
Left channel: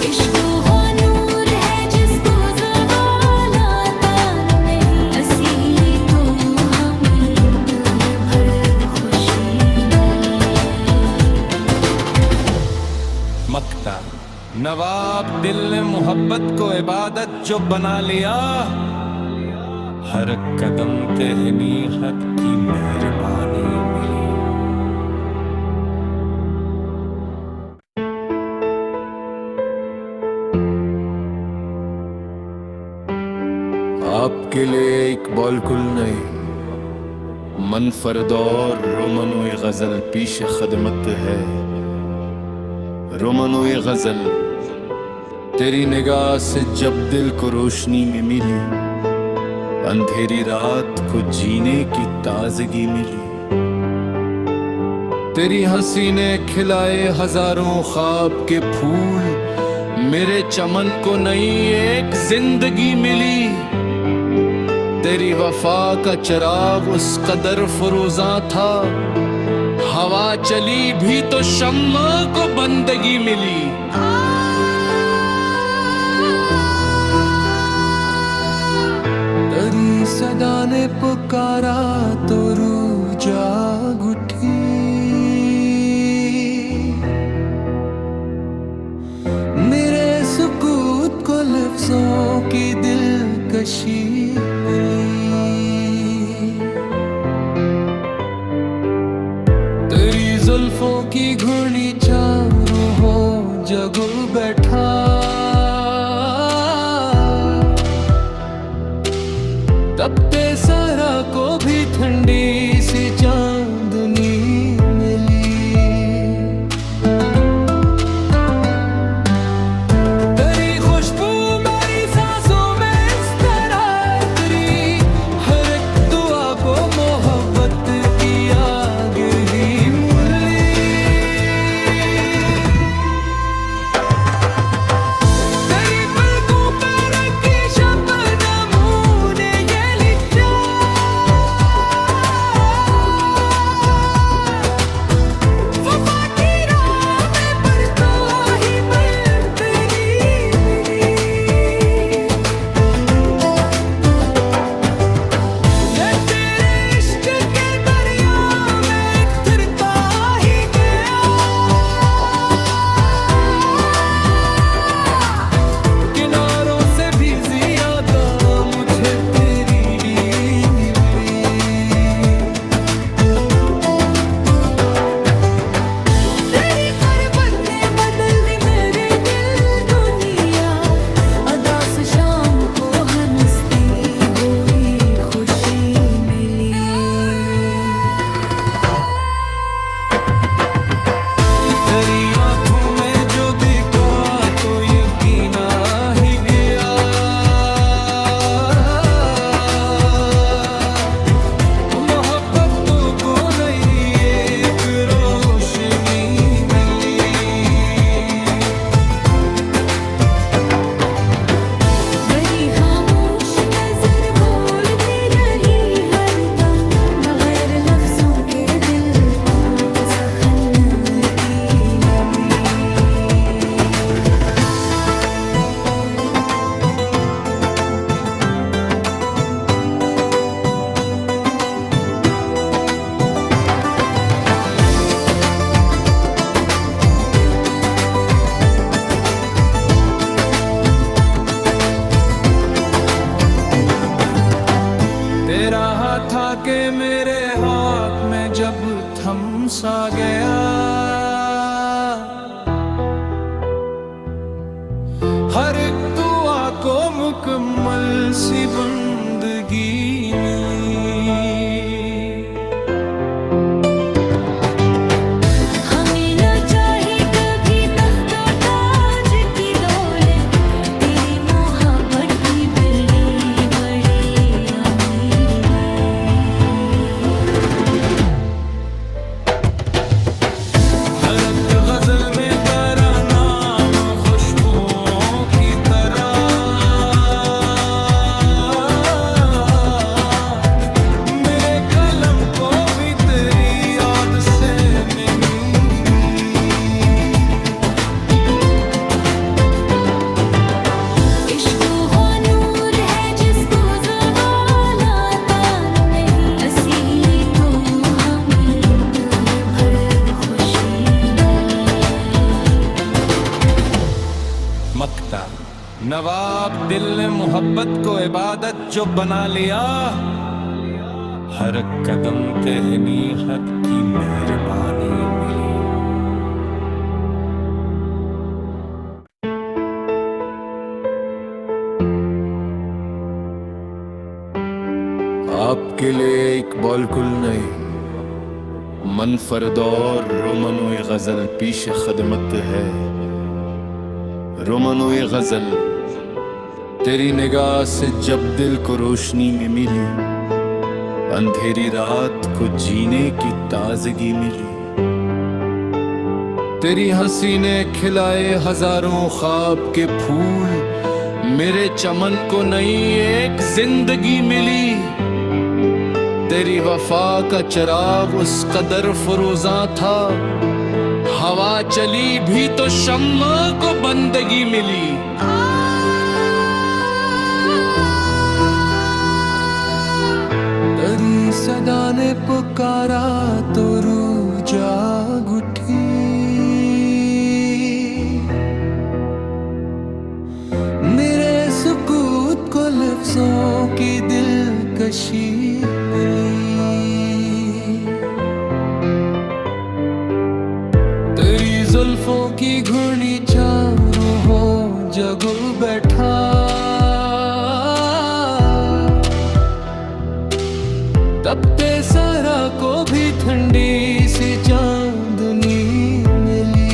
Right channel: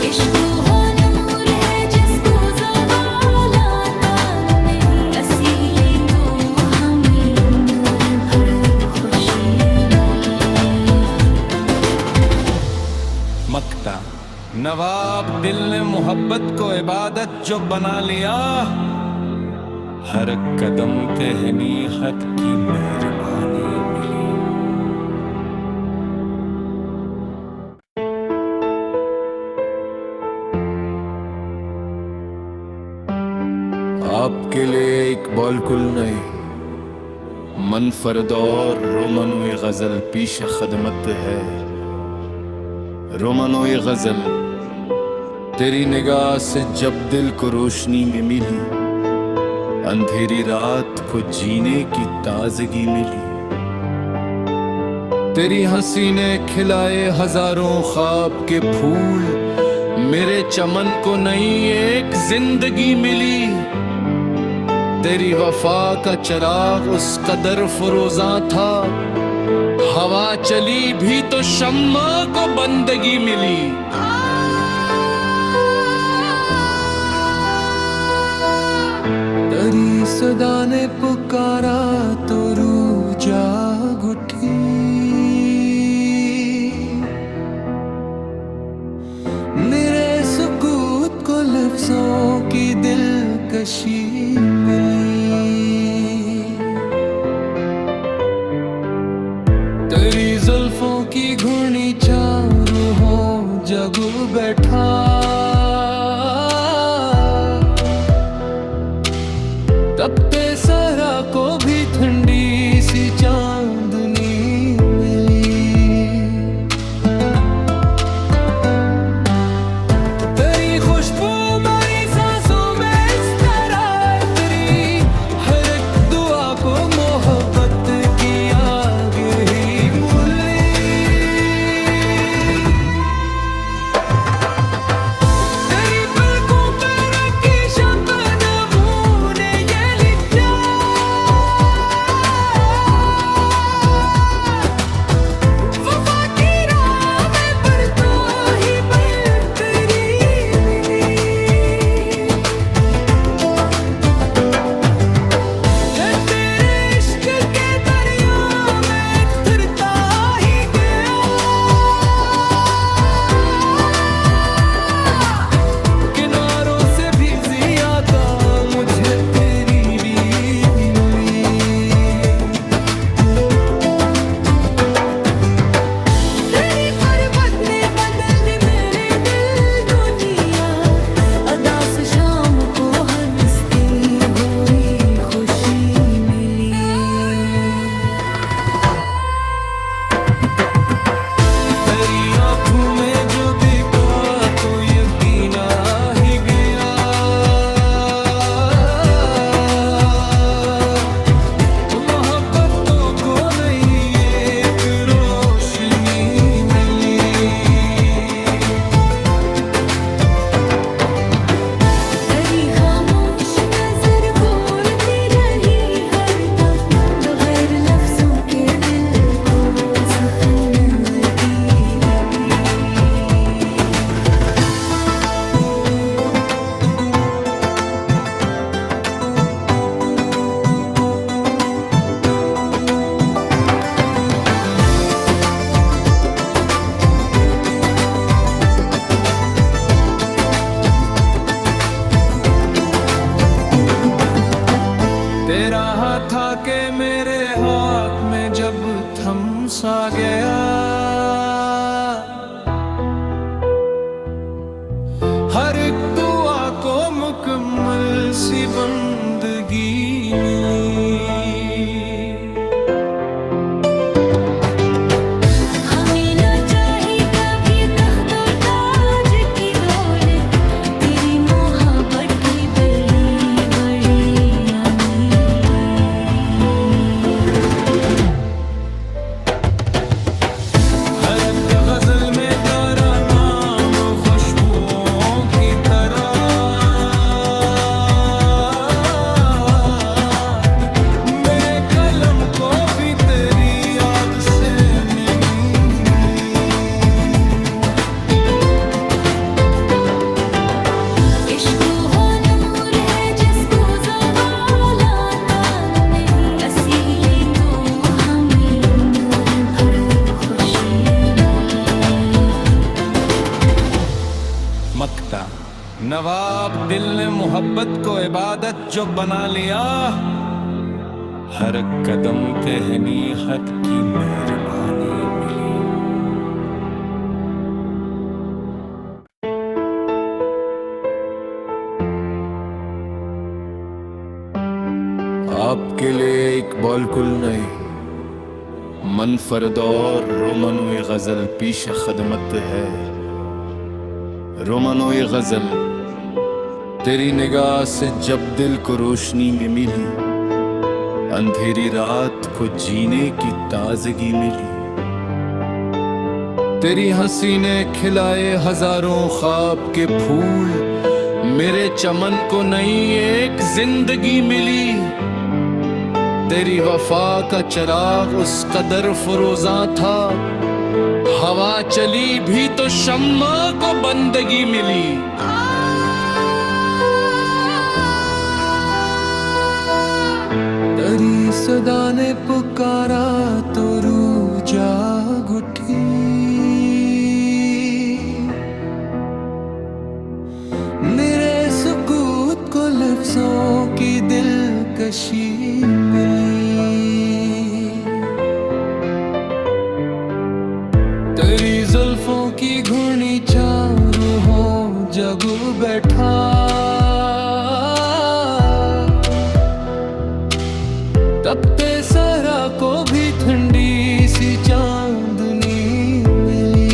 इश्क वो नूर है जिसको ज़वाल आता नहीं, असीली तो हमें उम्र भर खुशी मिली। मक्ता नवाब दिल ने मोहब्बत को इबादत जो बना लिया, हर कदम पे हनीहत की मेहरबानी मिली। आपके लिए एक बॉलकुल नहीं, मन फरदौर रोमनोई गजल पीश खदमत है। रोमनोई गजल तेरी निगाह से जब दिल को रोशनी में मिली, अंधेरी रात को जीने की ताजगी मिली। तेरी हंसी ने खिलाए हजारों ख्वाब के फूल, मेरे चमन को नई एक जिंदगी मिली। तेरी वफा का चिराग उस कदर फरोजा था, हवा चली भी तो शम्मा को बंदगी मिली। तेरी सदा ने पुकारा तो रूह जाग उठी, मेरे सुकूत को लफ्जों की दिलकशी मिली। तेरी जुल्फों की घुर्नी चारों हो जगू बैठा, तपते सहरा को भी ठंडी सी चांदनी मिली। तेरी खुशबू मेरी सांसों में इस तरह तेरी हर एक दुआ को मोहब्बत की आग ही मूली। तेरी पलकों पे रखी शबनमों ने ये लिखा, वफा की राह में पर तो ही बन तेरी मिली। मैं तेरे इश्क के दरिया में फिरता ही गया, किनारों से भी ज्यादा मुझे तेरी भी मिली। तेरी पर्वत ने बदल दी मेरे दिल दुनिया, अदा से शाम को हंसती हुई खुशी मिली। तेरी आंखों में जो दिखा तो यकीन आ ही गया, मोहब्बतों को नई एक रोशनी मिली। मेरी खामोश नजर बोलती रही हरदम, बगैर लफ्जों के दिल को सहनती मिली। तेरा हाथ आके मेरे हाथ में जब थम सा गया, हर एक दुआ को मुकम्मल सी बंदगी मिली। हमें ना चाहिए कभी तख्तो ताज की दौलत, तेरी मोहब्बत की बड़ी बड़ी अमीरी। हर एक गजल में तेरा नाम खुशबुओं की तरह, मेरे कलम को भी तेरी याद से नहीं। इश्क वो नूर है जिसको ज़वाल आता नहीं, असीली तो हमें उम्र भर खुशी मिली। मक्ता नवाब दिल ने मोहब्बत को इबादत जो बना लिया, हर कदम पे हनीहत की मेहरबानी मिली। आपके लिए इकबाल कुल नहीं, मनफरद और रोमनोई गजल पीश खदमत है। रोमनोई गजल तेरी निगाह से जब दिल को रोशनी में मिली, अंधेरी रात को जीने की ताजगी मिली। तेरी हंसी ने खिलाए हजारों ख्वाब के फूल, मेरे चमन को नई एक जिंदगी मिली। तेरी वफा का चिराग उस कदर फरोजा था, हवा चली भी तो शम्मा को बंदगी मिली। तेरी सदा ने पुकारा तो रूह जाग उठी, मेरे सुकूत को लफ्जों की दिलकशी मिली। तेरी जुल्फों की घुर्नी चारों हो जगू बैठा, तपते सरा को भी ठंडी सी चांदनी मिली।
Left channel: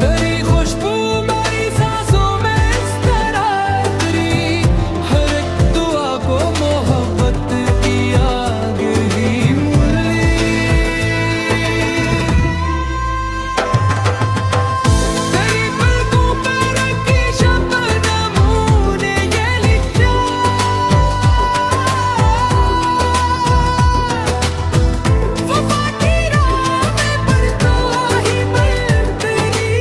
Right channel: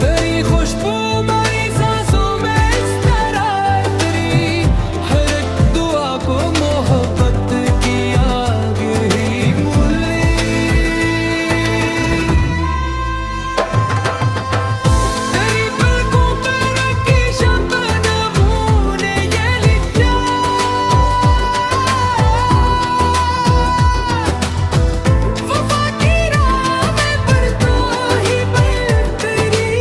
तेरी खुशबू मेरी सांसों में इस तरह तेरी हर एक दुआ को मोहब्बत की आग ही मूली। तेरी पलकों पे रखी शबनमों ने ये लिखा, वफा की राह में बढ़ता ही बढ़ तेरी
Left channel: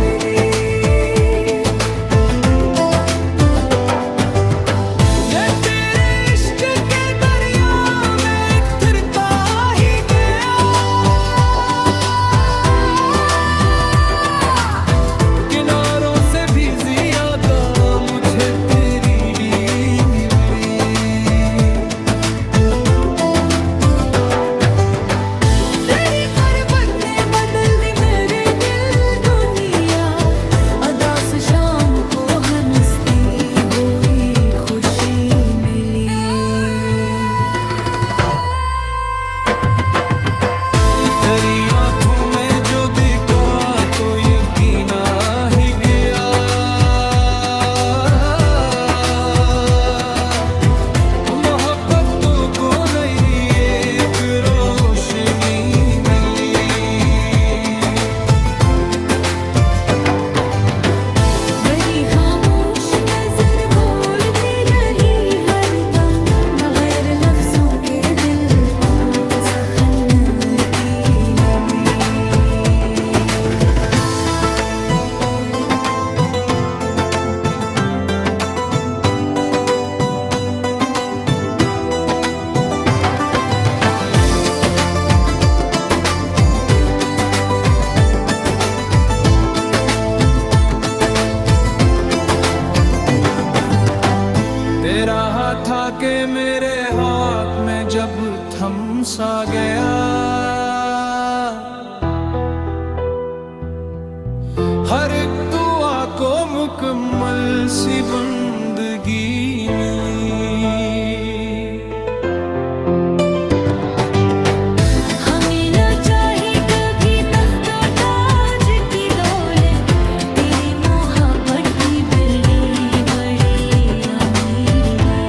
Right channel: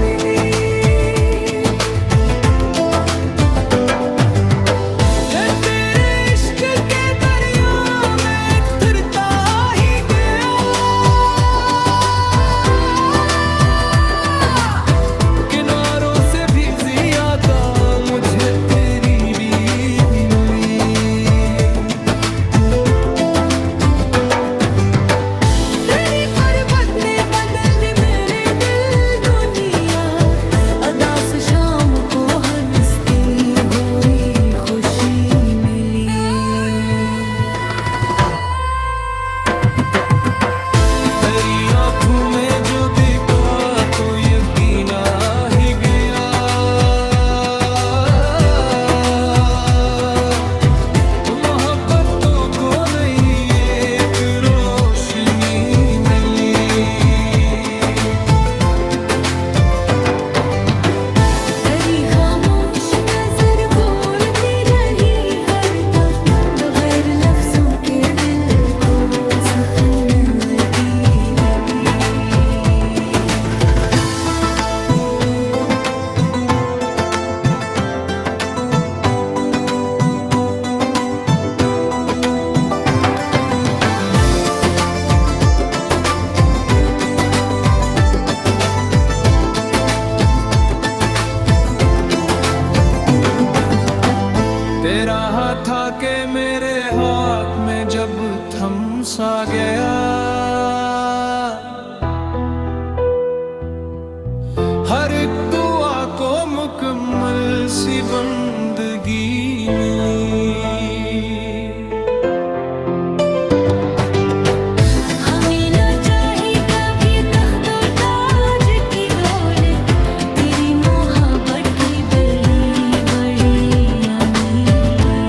मिली। मैं तेरे इश्क के दरिया में उतरता ही गया, किनारों से भी ज्यादा मुझे तेरी भी मिली। तेरी क़ुर्बत ने बदल दी मेरे दिल दुनिया, अदा से शाम को हंसती हुई खुशी मिली। तेरी आंखों में जो देखा तो यकीन आ ही गया, मोहब्बतों को नई एक रोशनी मिली। मेरी खामोश नजर बोलती रही हरदम, बगैर लफ्जों के दिल को सहनती मिली। तेरा हाथ आके मेरे हाथ में जब थम सा गया, हर एक दुआ को मुकम्मल सी बंदगी मिली। हमें ना चाही कभी तख्तो ताज की दौलत, तेरी मोहब्बत की बड़ी बड़ी अमीरी।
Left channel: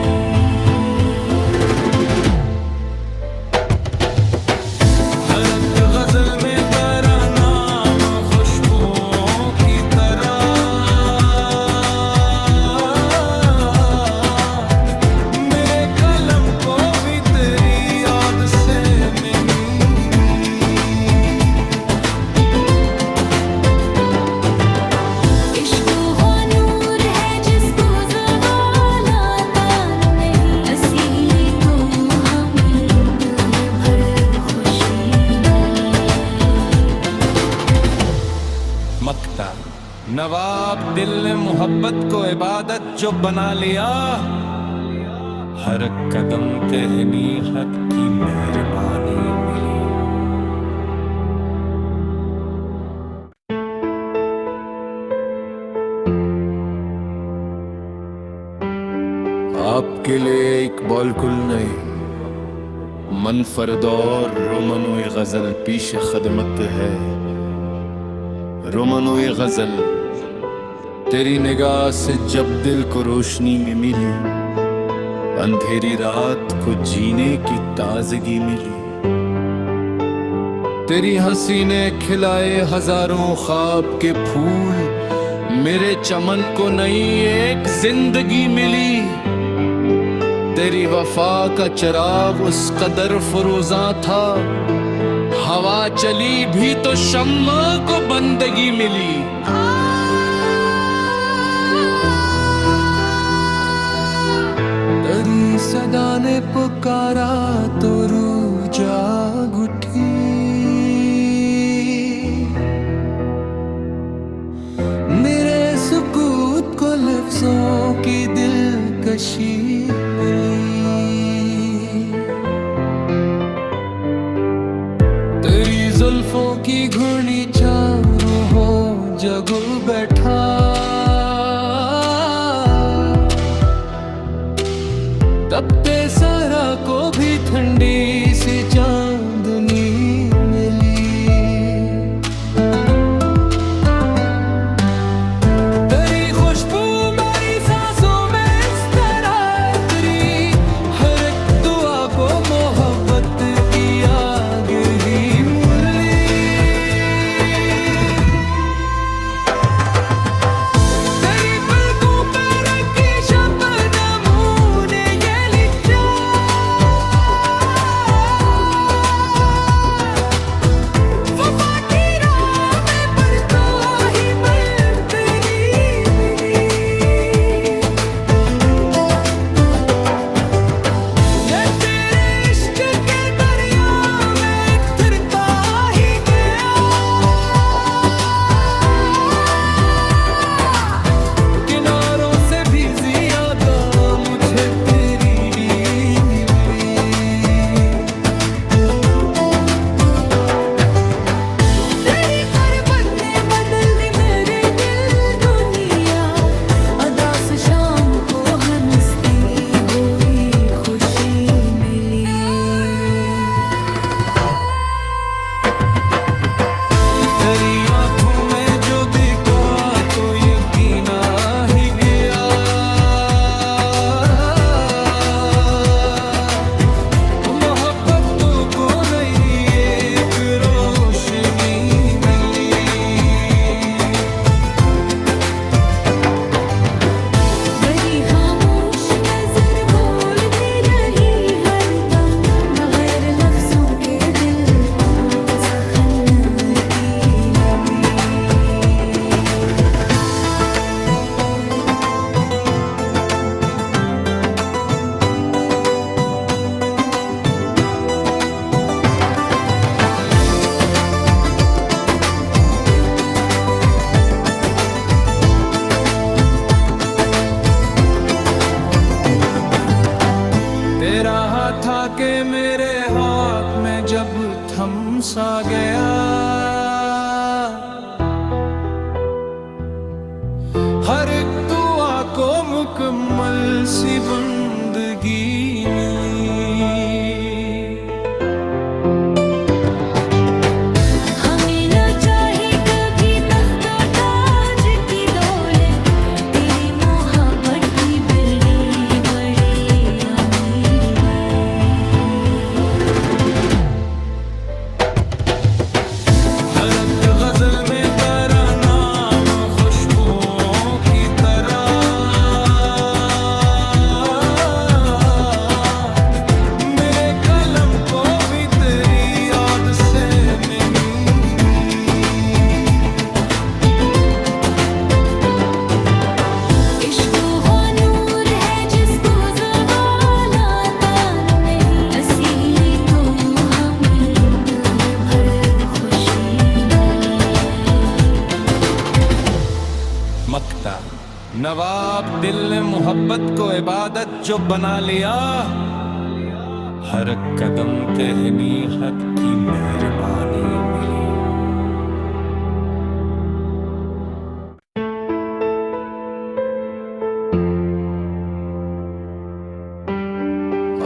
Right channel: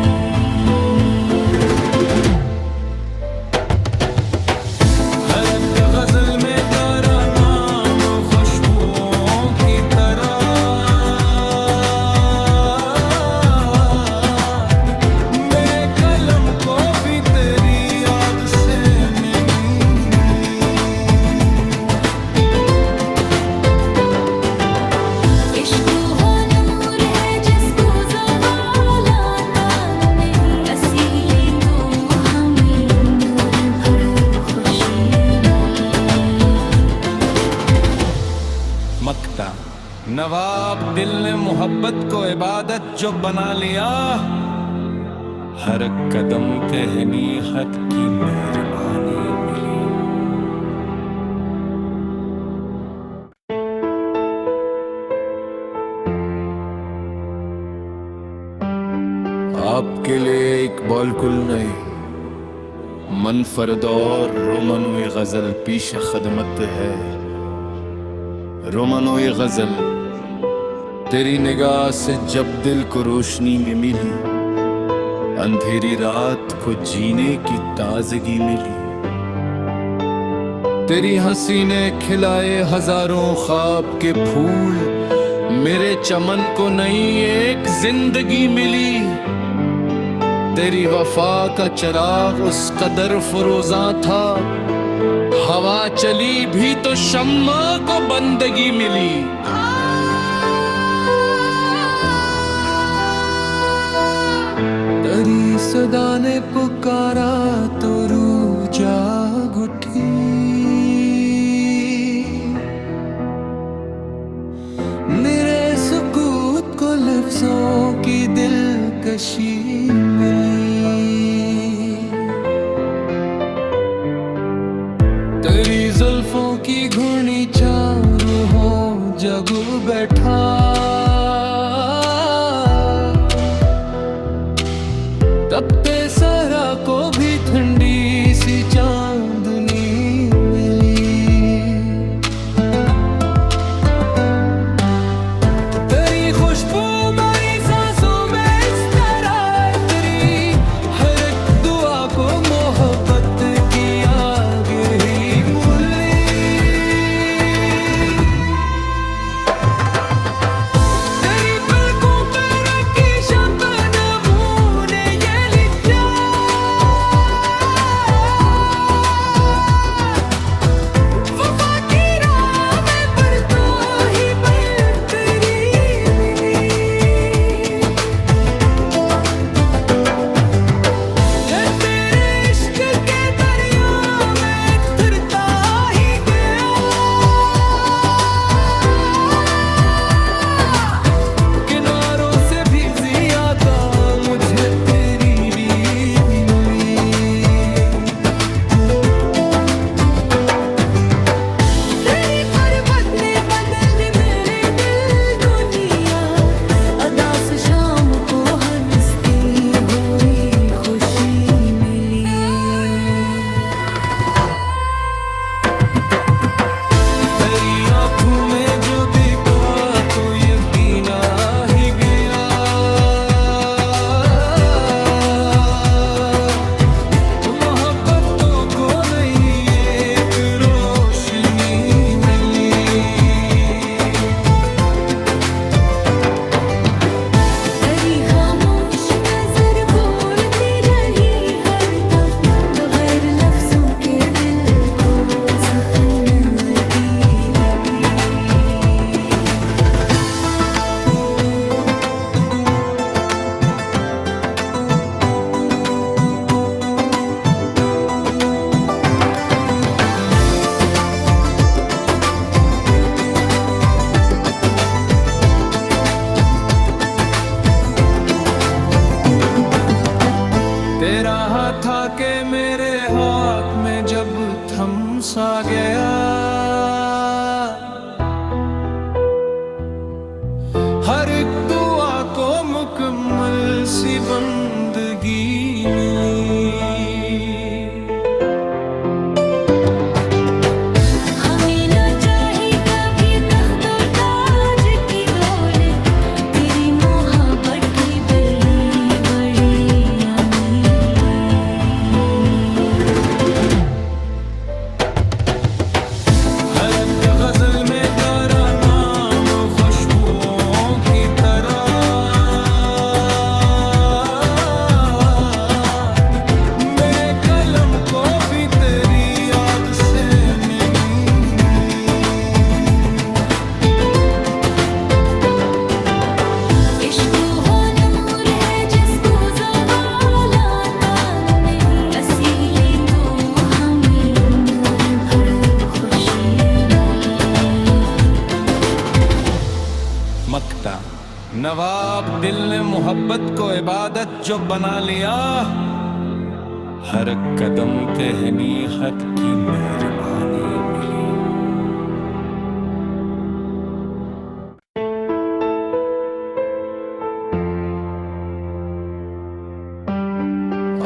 हर एक गजल में तेरा नाम खुशबुओं की तरह, मेरे कलम को भी तेरी याद से नहीं। इश्क वो नूर है जिसको ज़वाल आता नहीं, असीली तो हमें उम्र भर खुशी मिली। मक्ता नवाब दिल ने मोहब्बत को इबादत जो बना लिया, हर कदम पे हनीहत की मेहरबानी मिली। आपके लिए एक बॉलकुल नहीं मनफरद और रोमनोई गजल पीश खदमत है। रोमनोई गजल तेरी निगाह से जब दिल को रोशनी में मिली, अंधेरी रात को जीने की ताजगी मिली। तेरी हंसी ने खिलाए हजारों ख्वाब के फूल, मेरे चमन को नई एक जिंदगी मिली। तेरी वफा का चिराग उस कदर फरोजा था, हवा चली भी तो शम्मा को बंदगी मिली। तेरी सदा ने पुकारा तो रूह जाग उठी, मेरे सुकूत को लफ्जों की दिलकशी मिली। तेरी जुल्फों की घुर्नी चारों हो जगू बैठा, तपते सरा को भी ठंडी सी चांदनी मिली। तेरी खुशबू मेरी सांसों में इस तरह, तेरी हर एक दुआ को मोहब्बत की आग ही मूली। तेरी पलकों पे रखी शबनमों ने ये लिखा, वफा की राह में बरसों ही बन तेरी मिली। मैं तेरे इश्क के दरिया में फिरता ही गया, किनारों से भी ज्यादा मुझे तेरी रीत मिली। तेरी गुर्बत ने बदल दी मेरे दिल दुनिया, अदास शाम को हंसती हुई खुशी मिली। तेरी आंखों में जो देखा तो यकीन आ ही गया, मोहब्बतों को नई एक रोशनी मिली। मेरी खामोश नजर बोलती रही हरदम, बगैर लफ्जों के दिल को सखनती लगी। तेरा हाथ आके मेरे हाथ में जब थम सा गया, हर एक दुआ को मुकम्मल सी बंदगी मिली। हमें न चाही कभी तख्तो ताज की दौलत, तेरी मोहब्बत की बड़ी बड़ी अमीरी। हर एक गजल में तेरा नाम खुशबुओं की तरह, मेरे कलम को भी तेरी याद से नमी। इश्क वो नूर है जिसको ज़वाल आता नहीं, असीली तो हमें उम्र भर खुशी मिली। मक्ता नवाब दिल ने मोहब्बत को इबादत जो बना लिया, हर कदम पे हनीहत की मेहरबानी मिली।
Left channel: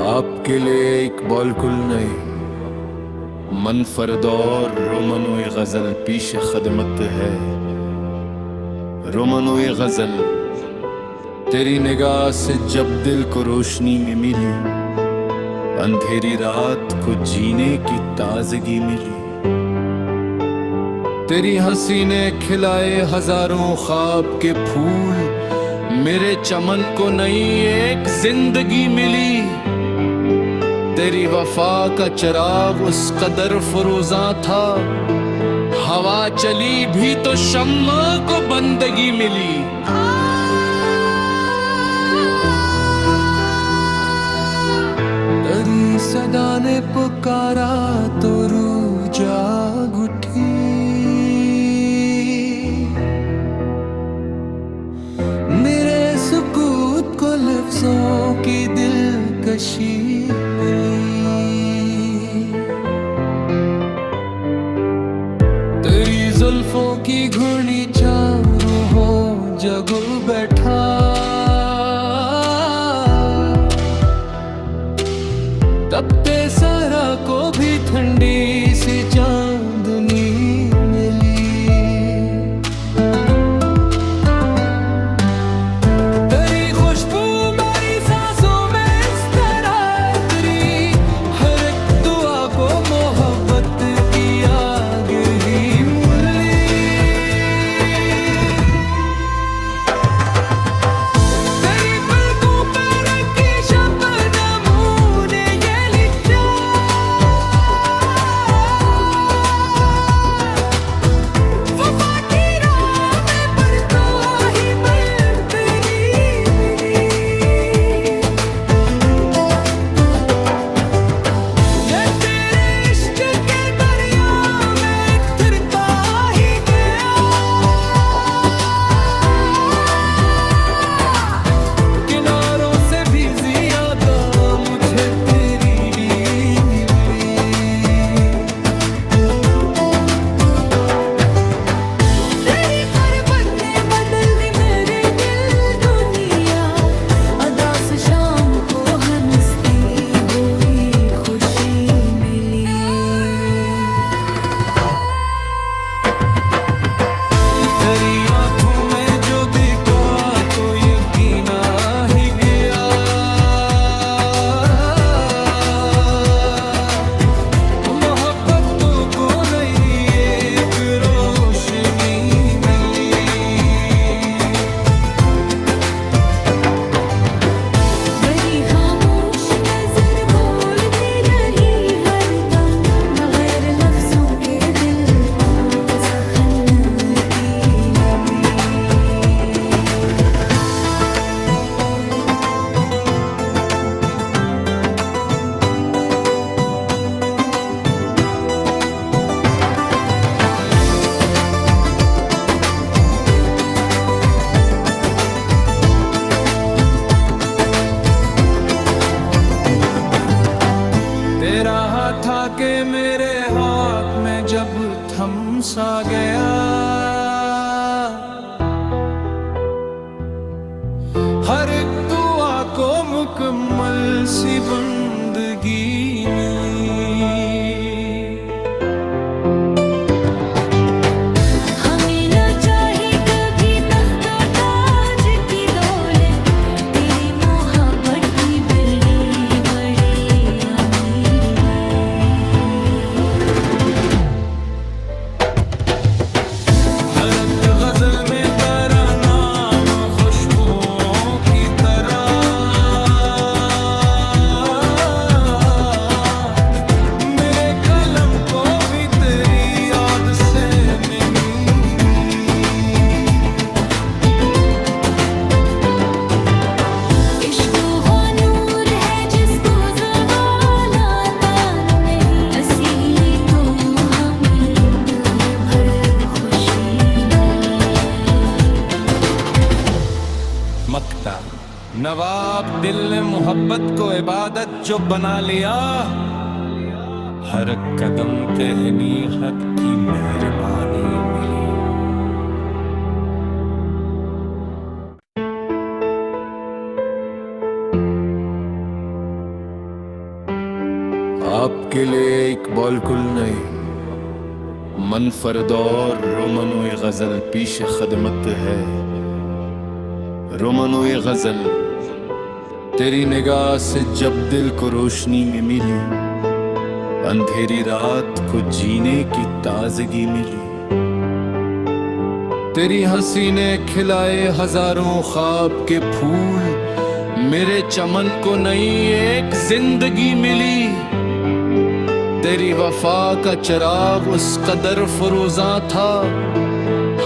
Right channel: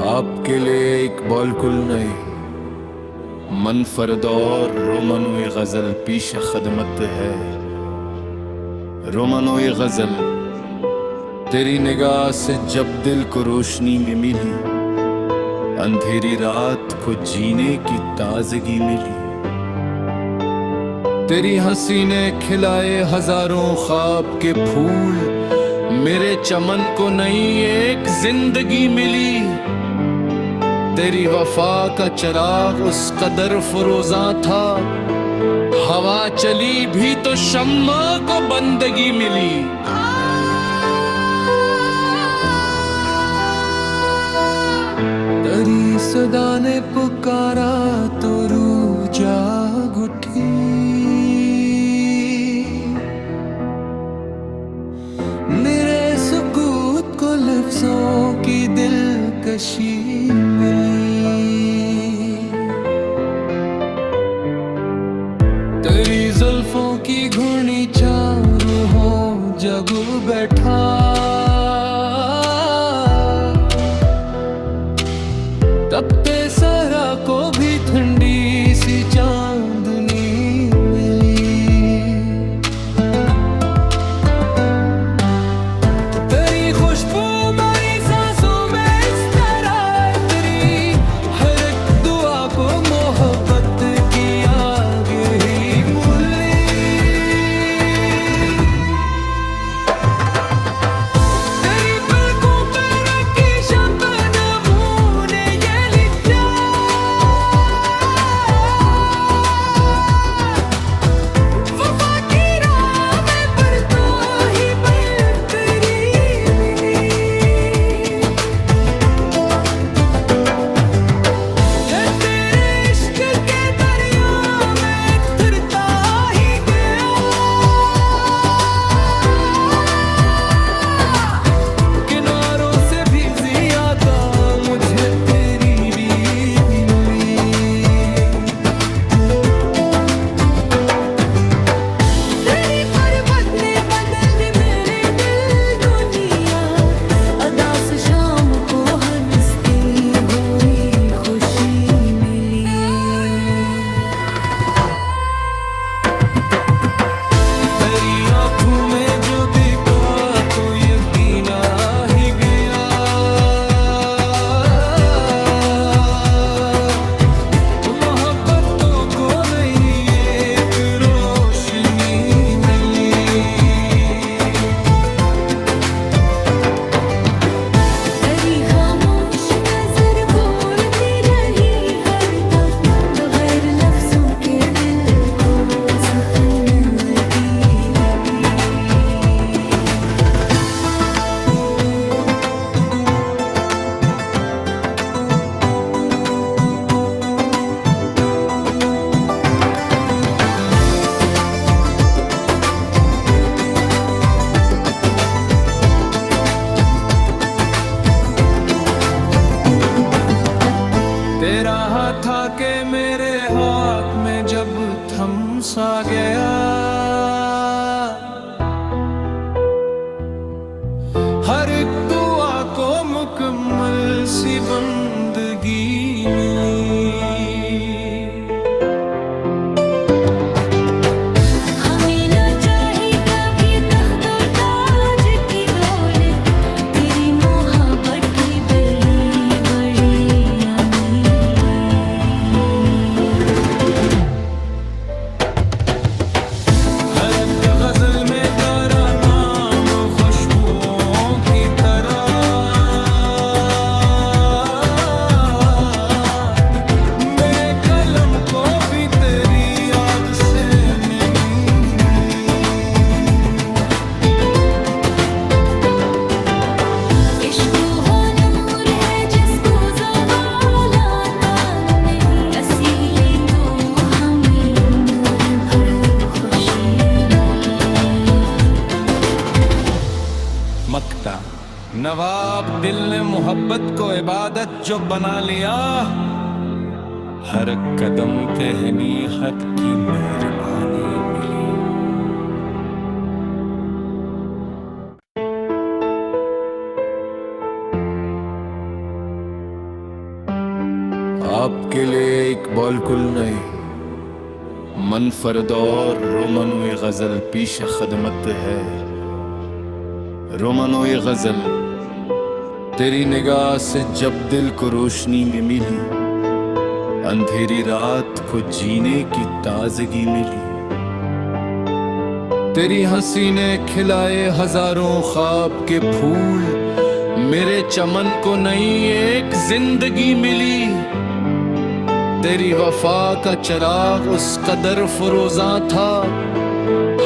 आपके लिए इकबाल कुल नहीं, मन फरदौर रोमनोए गजल पीश खदमत है। रोमनोए गजल तेरी निगाह से जब दिल को रोशनी में मिली, अंधेरी रात को जीने की ताजगी मिली। तेरी हंसी ने खिलाए हजारों ख्वाब के फूल, मेरे चमन को नई एक जिंदगी मिली। तेरी वफा का चिराग उस कदर फरोजा था, हवा चली भी तो शम्मा को बंदगी मिली। तेरी सदा ने पुकारा तो रूह जाग उठी, मेरे सुकूत को लफ्जों की दिलकशी मिली। तेरी जुल्फों की घुर्नी चारों हो जगू बैठा, तपते सहरा को भी ठंडी सी चांदनी मिली। तेरी खुशबू मेरी सांसों में इस तरह तेरी हर एक दुआ को मोहब्बत की आग ही मूली। तेरी पलकों पे रखी शबनमों ने ये लिखा, वफा की राह में पर तो ही बन तेरी मिली। मैं तेरे इश्क के दरिया में फिरता ही गया, किनारों से भी ज्यादा मुझे तेरी भी मिली। तेरी पर्वत ने बदल दी मेरे दिल दुनिया, अदास शाम को हंसती हुई खुशी मिली। तेरी आंखों में जो दिखा तो यकीन आ ही गया, मोहब्बतों को नई एक रोशनी मिली। मेरी खामोश नजर बोलती रही हरदम, बगैर लफ्जों के दिल को सहनती मिली। तेरा हाथ आके मेरे हाथ में जब थम सा गया, हर एक दुआ को मुकम्मल सी बंदगी मिली। हमें ना चाहिए कभी तख्तो ताज की दौलत, तेरी मोहब्बत की बड़ी बड़ी अमीरी। हर एक गजल में तेरा नाम खुशबुओं की तरह, मेरे कलम को भी तेरी याद से नहीं। इश्क वो नूर है जिसको ज़वाल आता नहीं, असीली तो हमें उम्र भर खुशी मिली। मक्ता नवाब दिल ने मोहब्बत को इबादत जो बना लिया, हर कदम पे हनीहत की मेहरबानी मिली। आपके लिए इकबाल कुल नहीं, मनफरद और रोमनोई गजल पीश खदमत है। रोमनोई गजल तेरी निगाह से जब दिल को रोशनी में मिली, अंधेरी रात को जीने की ताजगी मिली। तेरी हंसी ने खिलाए हजारों ख्वाब के फूल, मेरे चमन को नई एक जिंदगी मिली। तेरी वफा का चिराग उस कदर फरोजा था,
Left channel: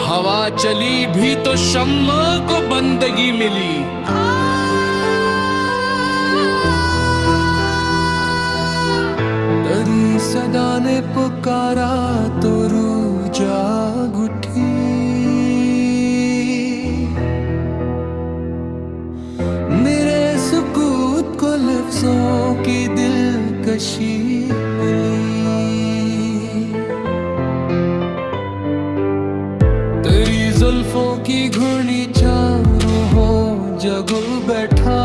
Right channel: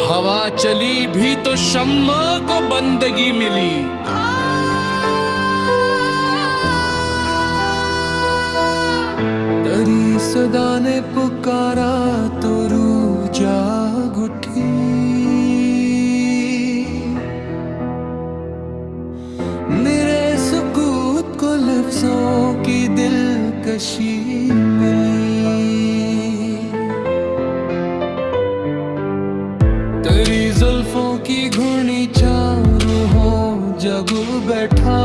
हवा चली भी तो शम्मा को बंदगी मिली। तेरी सदा ने पुकारा तो रूह जाग उठी, मेरे सुकूत को लफ्जों की दिलकशी मिली। तेरी जुल्फों की घुर्नी चारों हो जगू बैठा,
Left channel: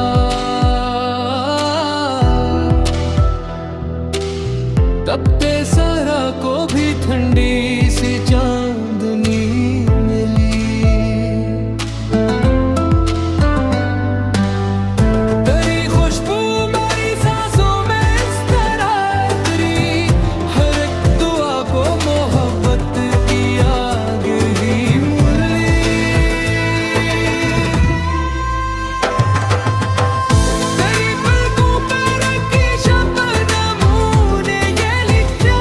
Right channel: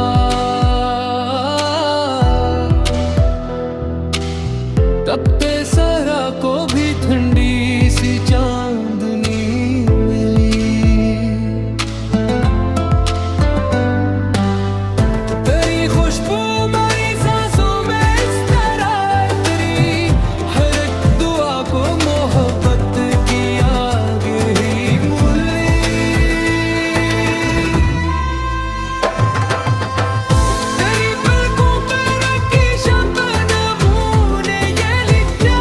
तपते सरा को भी ठंडी सी चांदनी मिली। तेरी खुशबू मेरी सांसों में इस तरह तेरी हर एक दुआ को मोहब्बत की आग ही मूली। तेरी पलकों पे रखी शबनमों ने ये लिखा,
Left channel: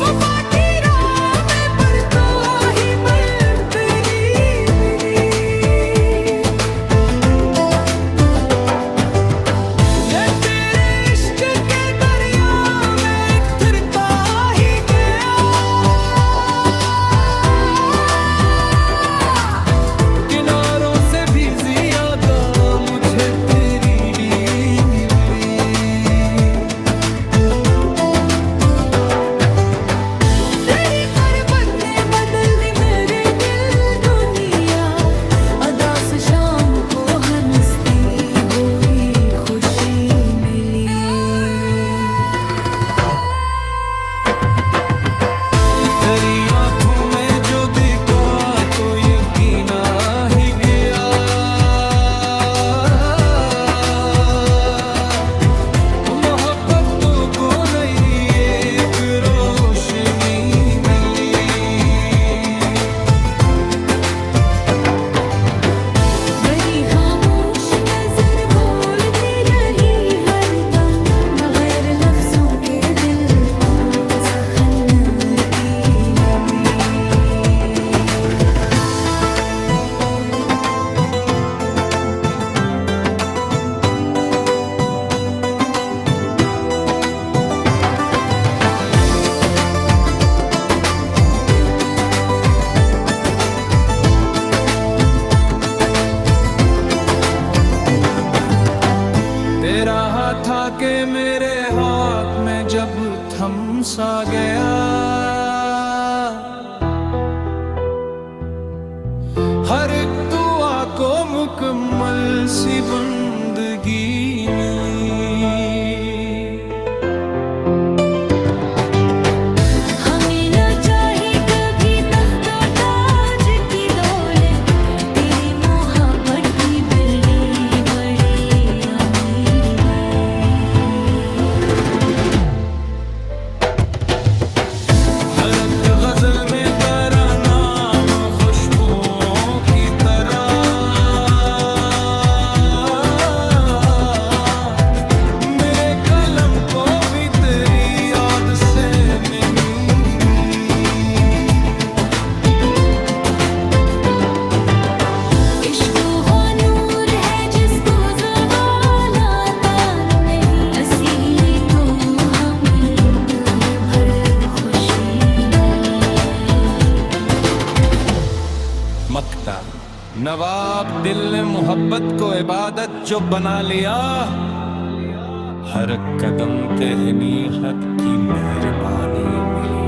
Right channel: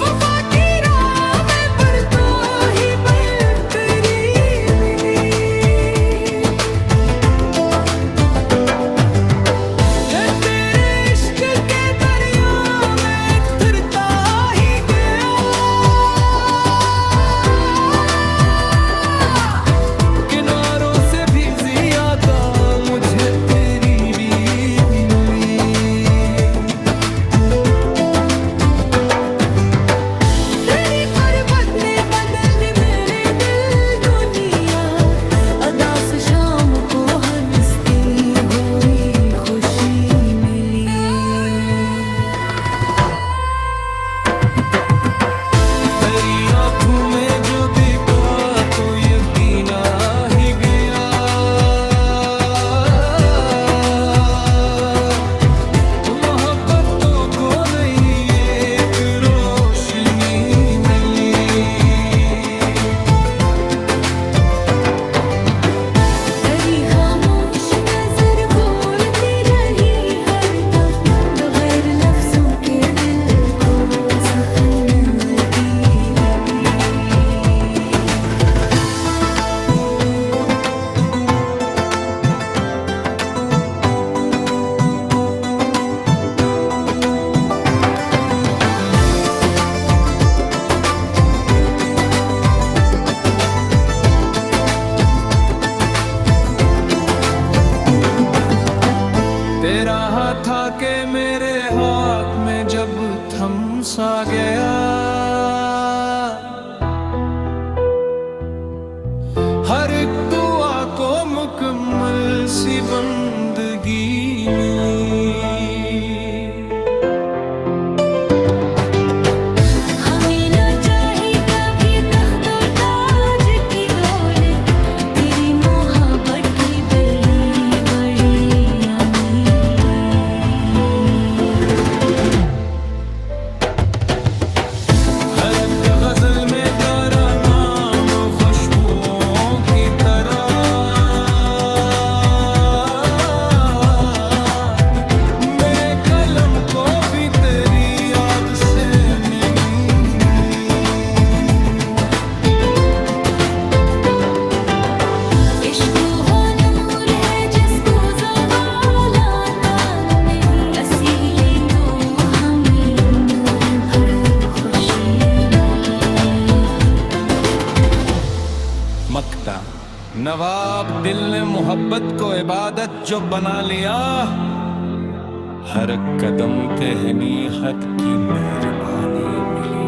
वफा की राह में पर तो ही बल तेरी मिली। मैं तेरे इश्क के दरिया में फिरता ही गया, किनारों से भी ज्यादा मुझे तेरी भी मिली। तेरी पर्वत ने बदल दी मेरे दिल दुनिया, अदा से शाम को हंसती हुई खुशी मिली। तेरी आंखों में जो दिखा तो यकीन आ ही गया, मोहब्बतों को नई एक रोशनी मिली। मेरी खामोश नजर बोलती रही हरदम, बगैर लफ्जों के दिल को सहनवती मिली। तेरा हाथ आके मेरे हाथ में जब थम सा गया, हर एक दुआ को मुकम्मल सी बंदगी मिली। हमें न चाही कभी तख्तो ताज की दौलत, तेरी मोहब्बत की बड़ी बड़ी अमीरी। हर एक गजल में तेरा नाम खुशबुओं की तरह, मेरे कलम को भी तेरी याद से नहीं। इश्क वो नूर है जिसको ज़वाल आता नहीं, असीली तू हमें उम्र भर खुशी मिली। मक्ता नवाब दिल ने मोहब्बत को इबादत जो बना लिया, हर कदम पे हनीहत की मेहरबानी मिली।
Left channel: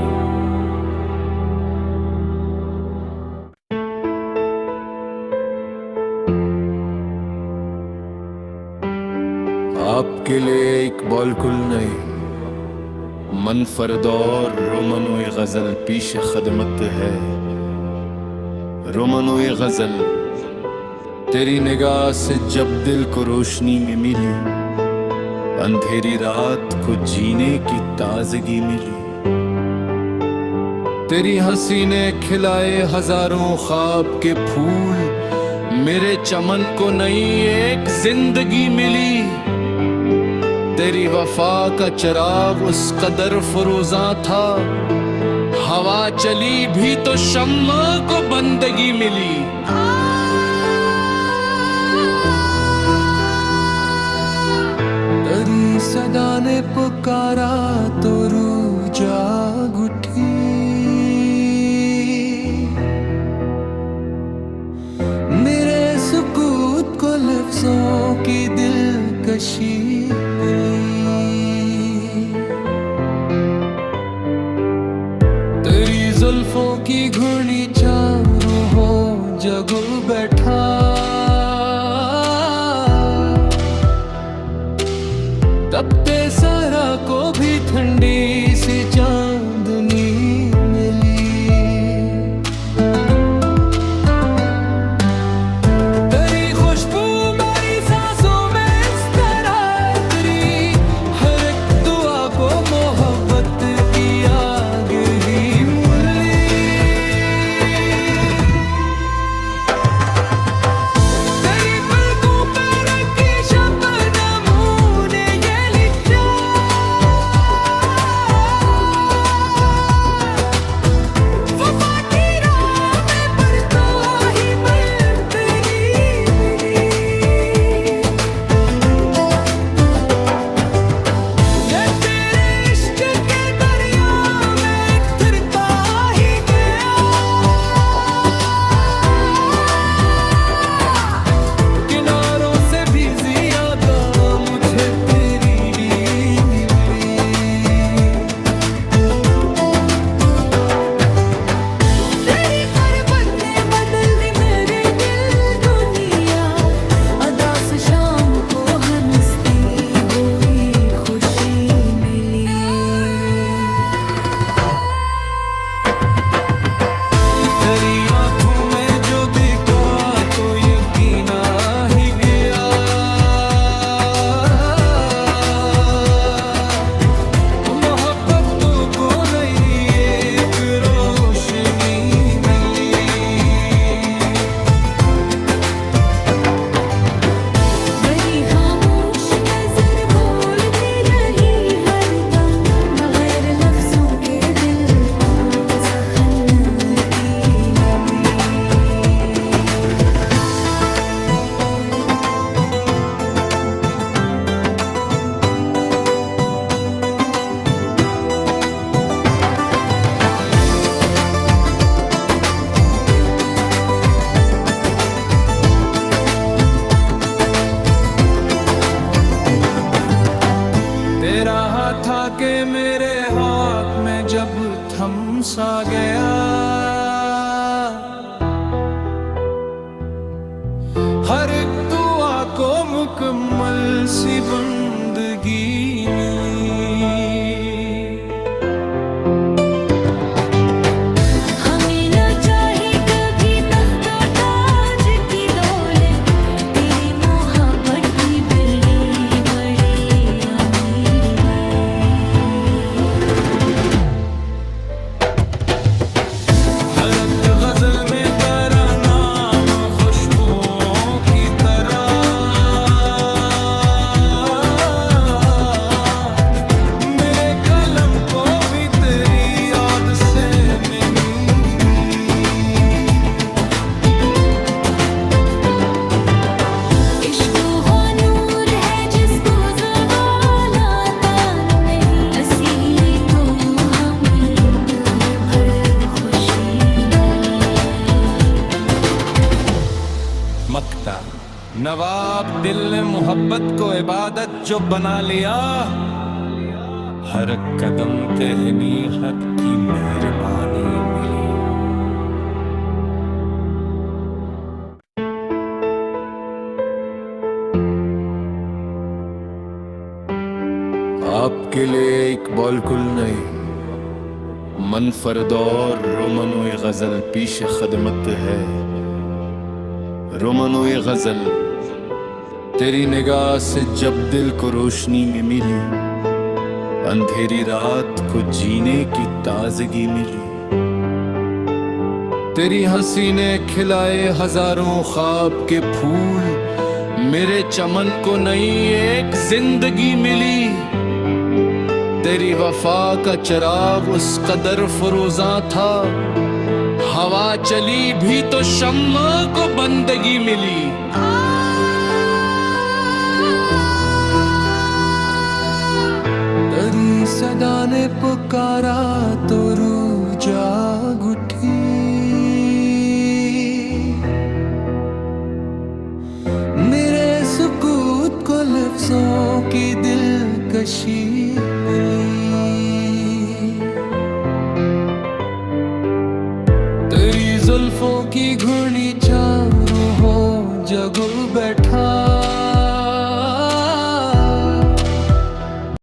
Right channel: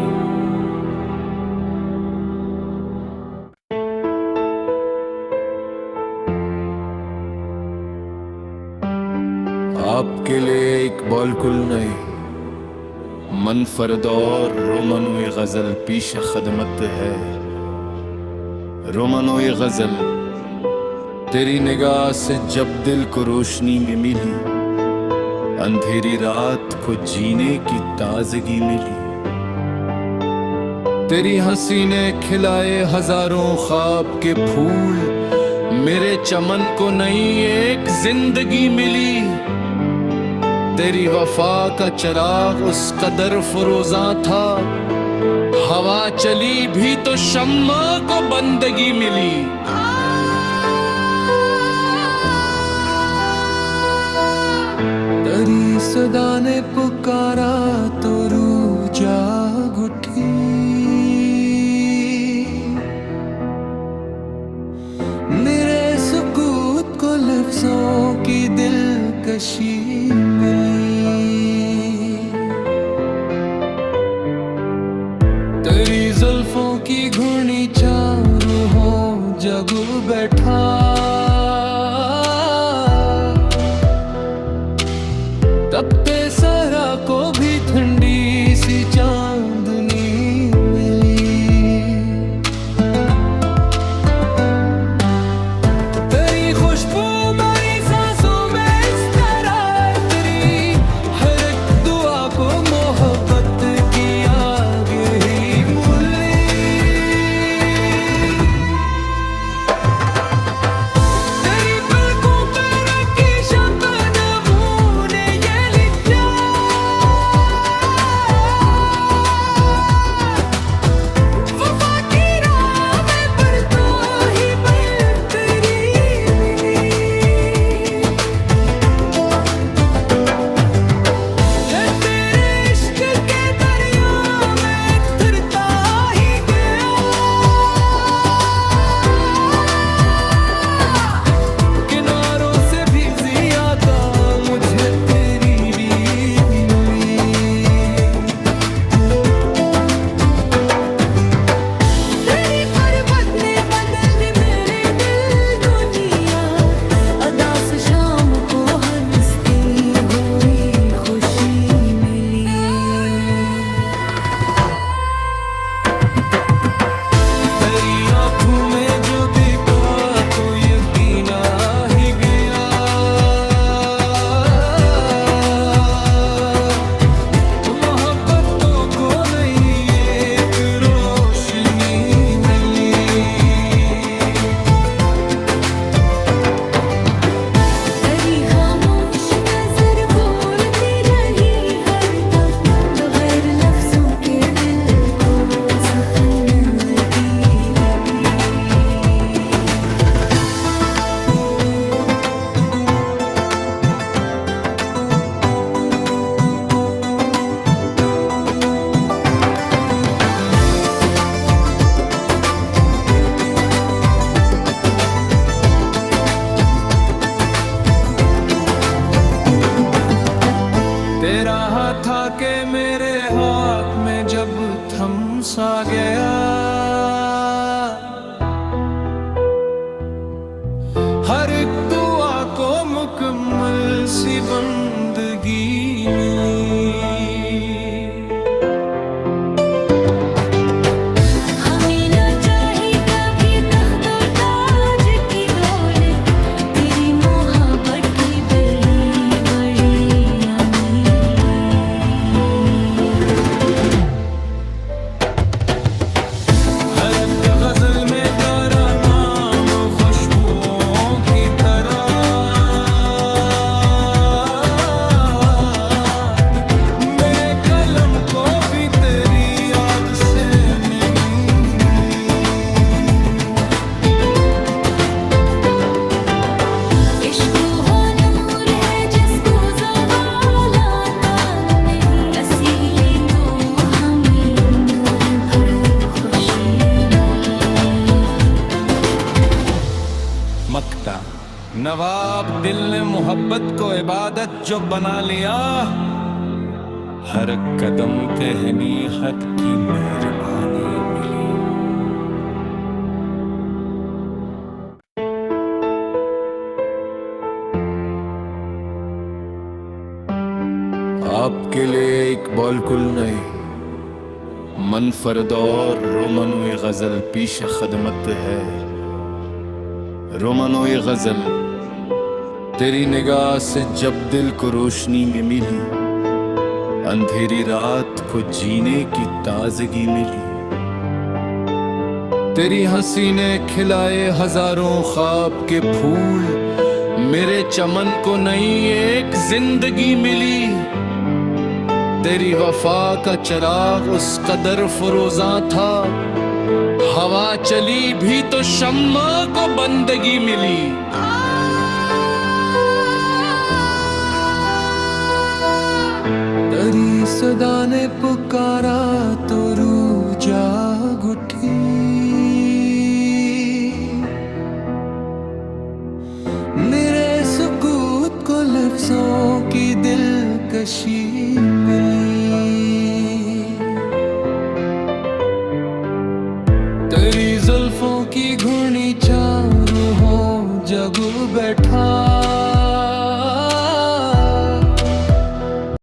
आपके लिए एक बॉलकुल नहीं मन फरदौर रोमनोई गजल पीश खदमत है। रोमनोई गजल तेरी निगाह से जब दिल को रोशनी में मिली, अंधेरी रात को जीने की ताजगी मिली। तेरी हंसी ने खिलाए हजारों ख्वाब के फूल, मेरे चमन को नई एक जिंदगी मिली। तेरी वफा का चिराग उस कदर फरोजा था, हवा चली भी तो शम्मा को बंदगी मिली। तेरी सदा ने पुकारा तो रूह जाग उठी, मेरे सुकूत को लफ्जों की दिलकशी मिली। तेरी जुल्फों की घुर्नी चारों हो जगू बैठा, तपते सहरा को भी ठंडी सी चांदनी मिली। तेरी खुशबू मेरी सांसों में इस तरह तेरी हर एक दुआ को मोहब्बत की आग ही मूली। तेरी पलकों पे रखी शबनमों ने ये लिखा, वफा की राह में पर तो ही बन तेरी मिली। मैं तेरे इश्क के दरिया में तैरता ही गया, किनारों से भी ज्यादा मुझे तेरी भी मिली। तेरी परबत ने बदल दी मेरे दिल दुनिया, अदास शाम को हंसती हुई खुशी मिली। तेरी आंखों में जो देखा तो यकीन आ ही गया, मोहब्बतों को नई एक रोशनी मिली। मेरी खामोश नजर बोलती रही हरदम, बगैर लफ्जों के दिल को सहनती मिली। तेरा हाथ आके मेरे हाथ में जब थम सा गया, हर एक दुआ को मुकम्मल सी बंदगी मिली। हमें न चाहिए कभी तख्तो ताज की दौलत, तेरी मोहब्बत की बड़ी बड़ी अमीरी। हर एक गजल में तेरा नाम खुशबुओं की तरह, मेरे कलम को भी तेरी याद से नमी। इश्क वो नूर है जिसको ज़वाल आता नहीं, असीली तो हमें उम्र भर खुशी मिली। मक्ता नवाब दिल ने मोहब्बत को इबादत जो बना लिया, हर कदम पे हनीहत की मेहरबानी मिली। आपके लिए इकबाल कुल नहीं, मन फरदौर रोमनोई गजल पीश खदमत है। रोमनोई गजल तेरी निगाह से जब दिल को रोशनी में मिली, अंधेरी रात को जीने की ताजगी मिली। तेरी हंसी ने खिलाए हजारों ख्वाब के फूल, मेरे चमन को नई एक जिंदगी मिली। तेरी वफा का चिराग उस कदर फरोजा था, हवा चली भी तो शम्मा को बंदगी मिली। तेरी सदा ने पुकारा तो रूह जाग उठी, मेरे सुकूत को लफ्जों की दिलकशी मिली। तेरी जुल्फों की घुर्नी छाँव रूहों जगू बैठा,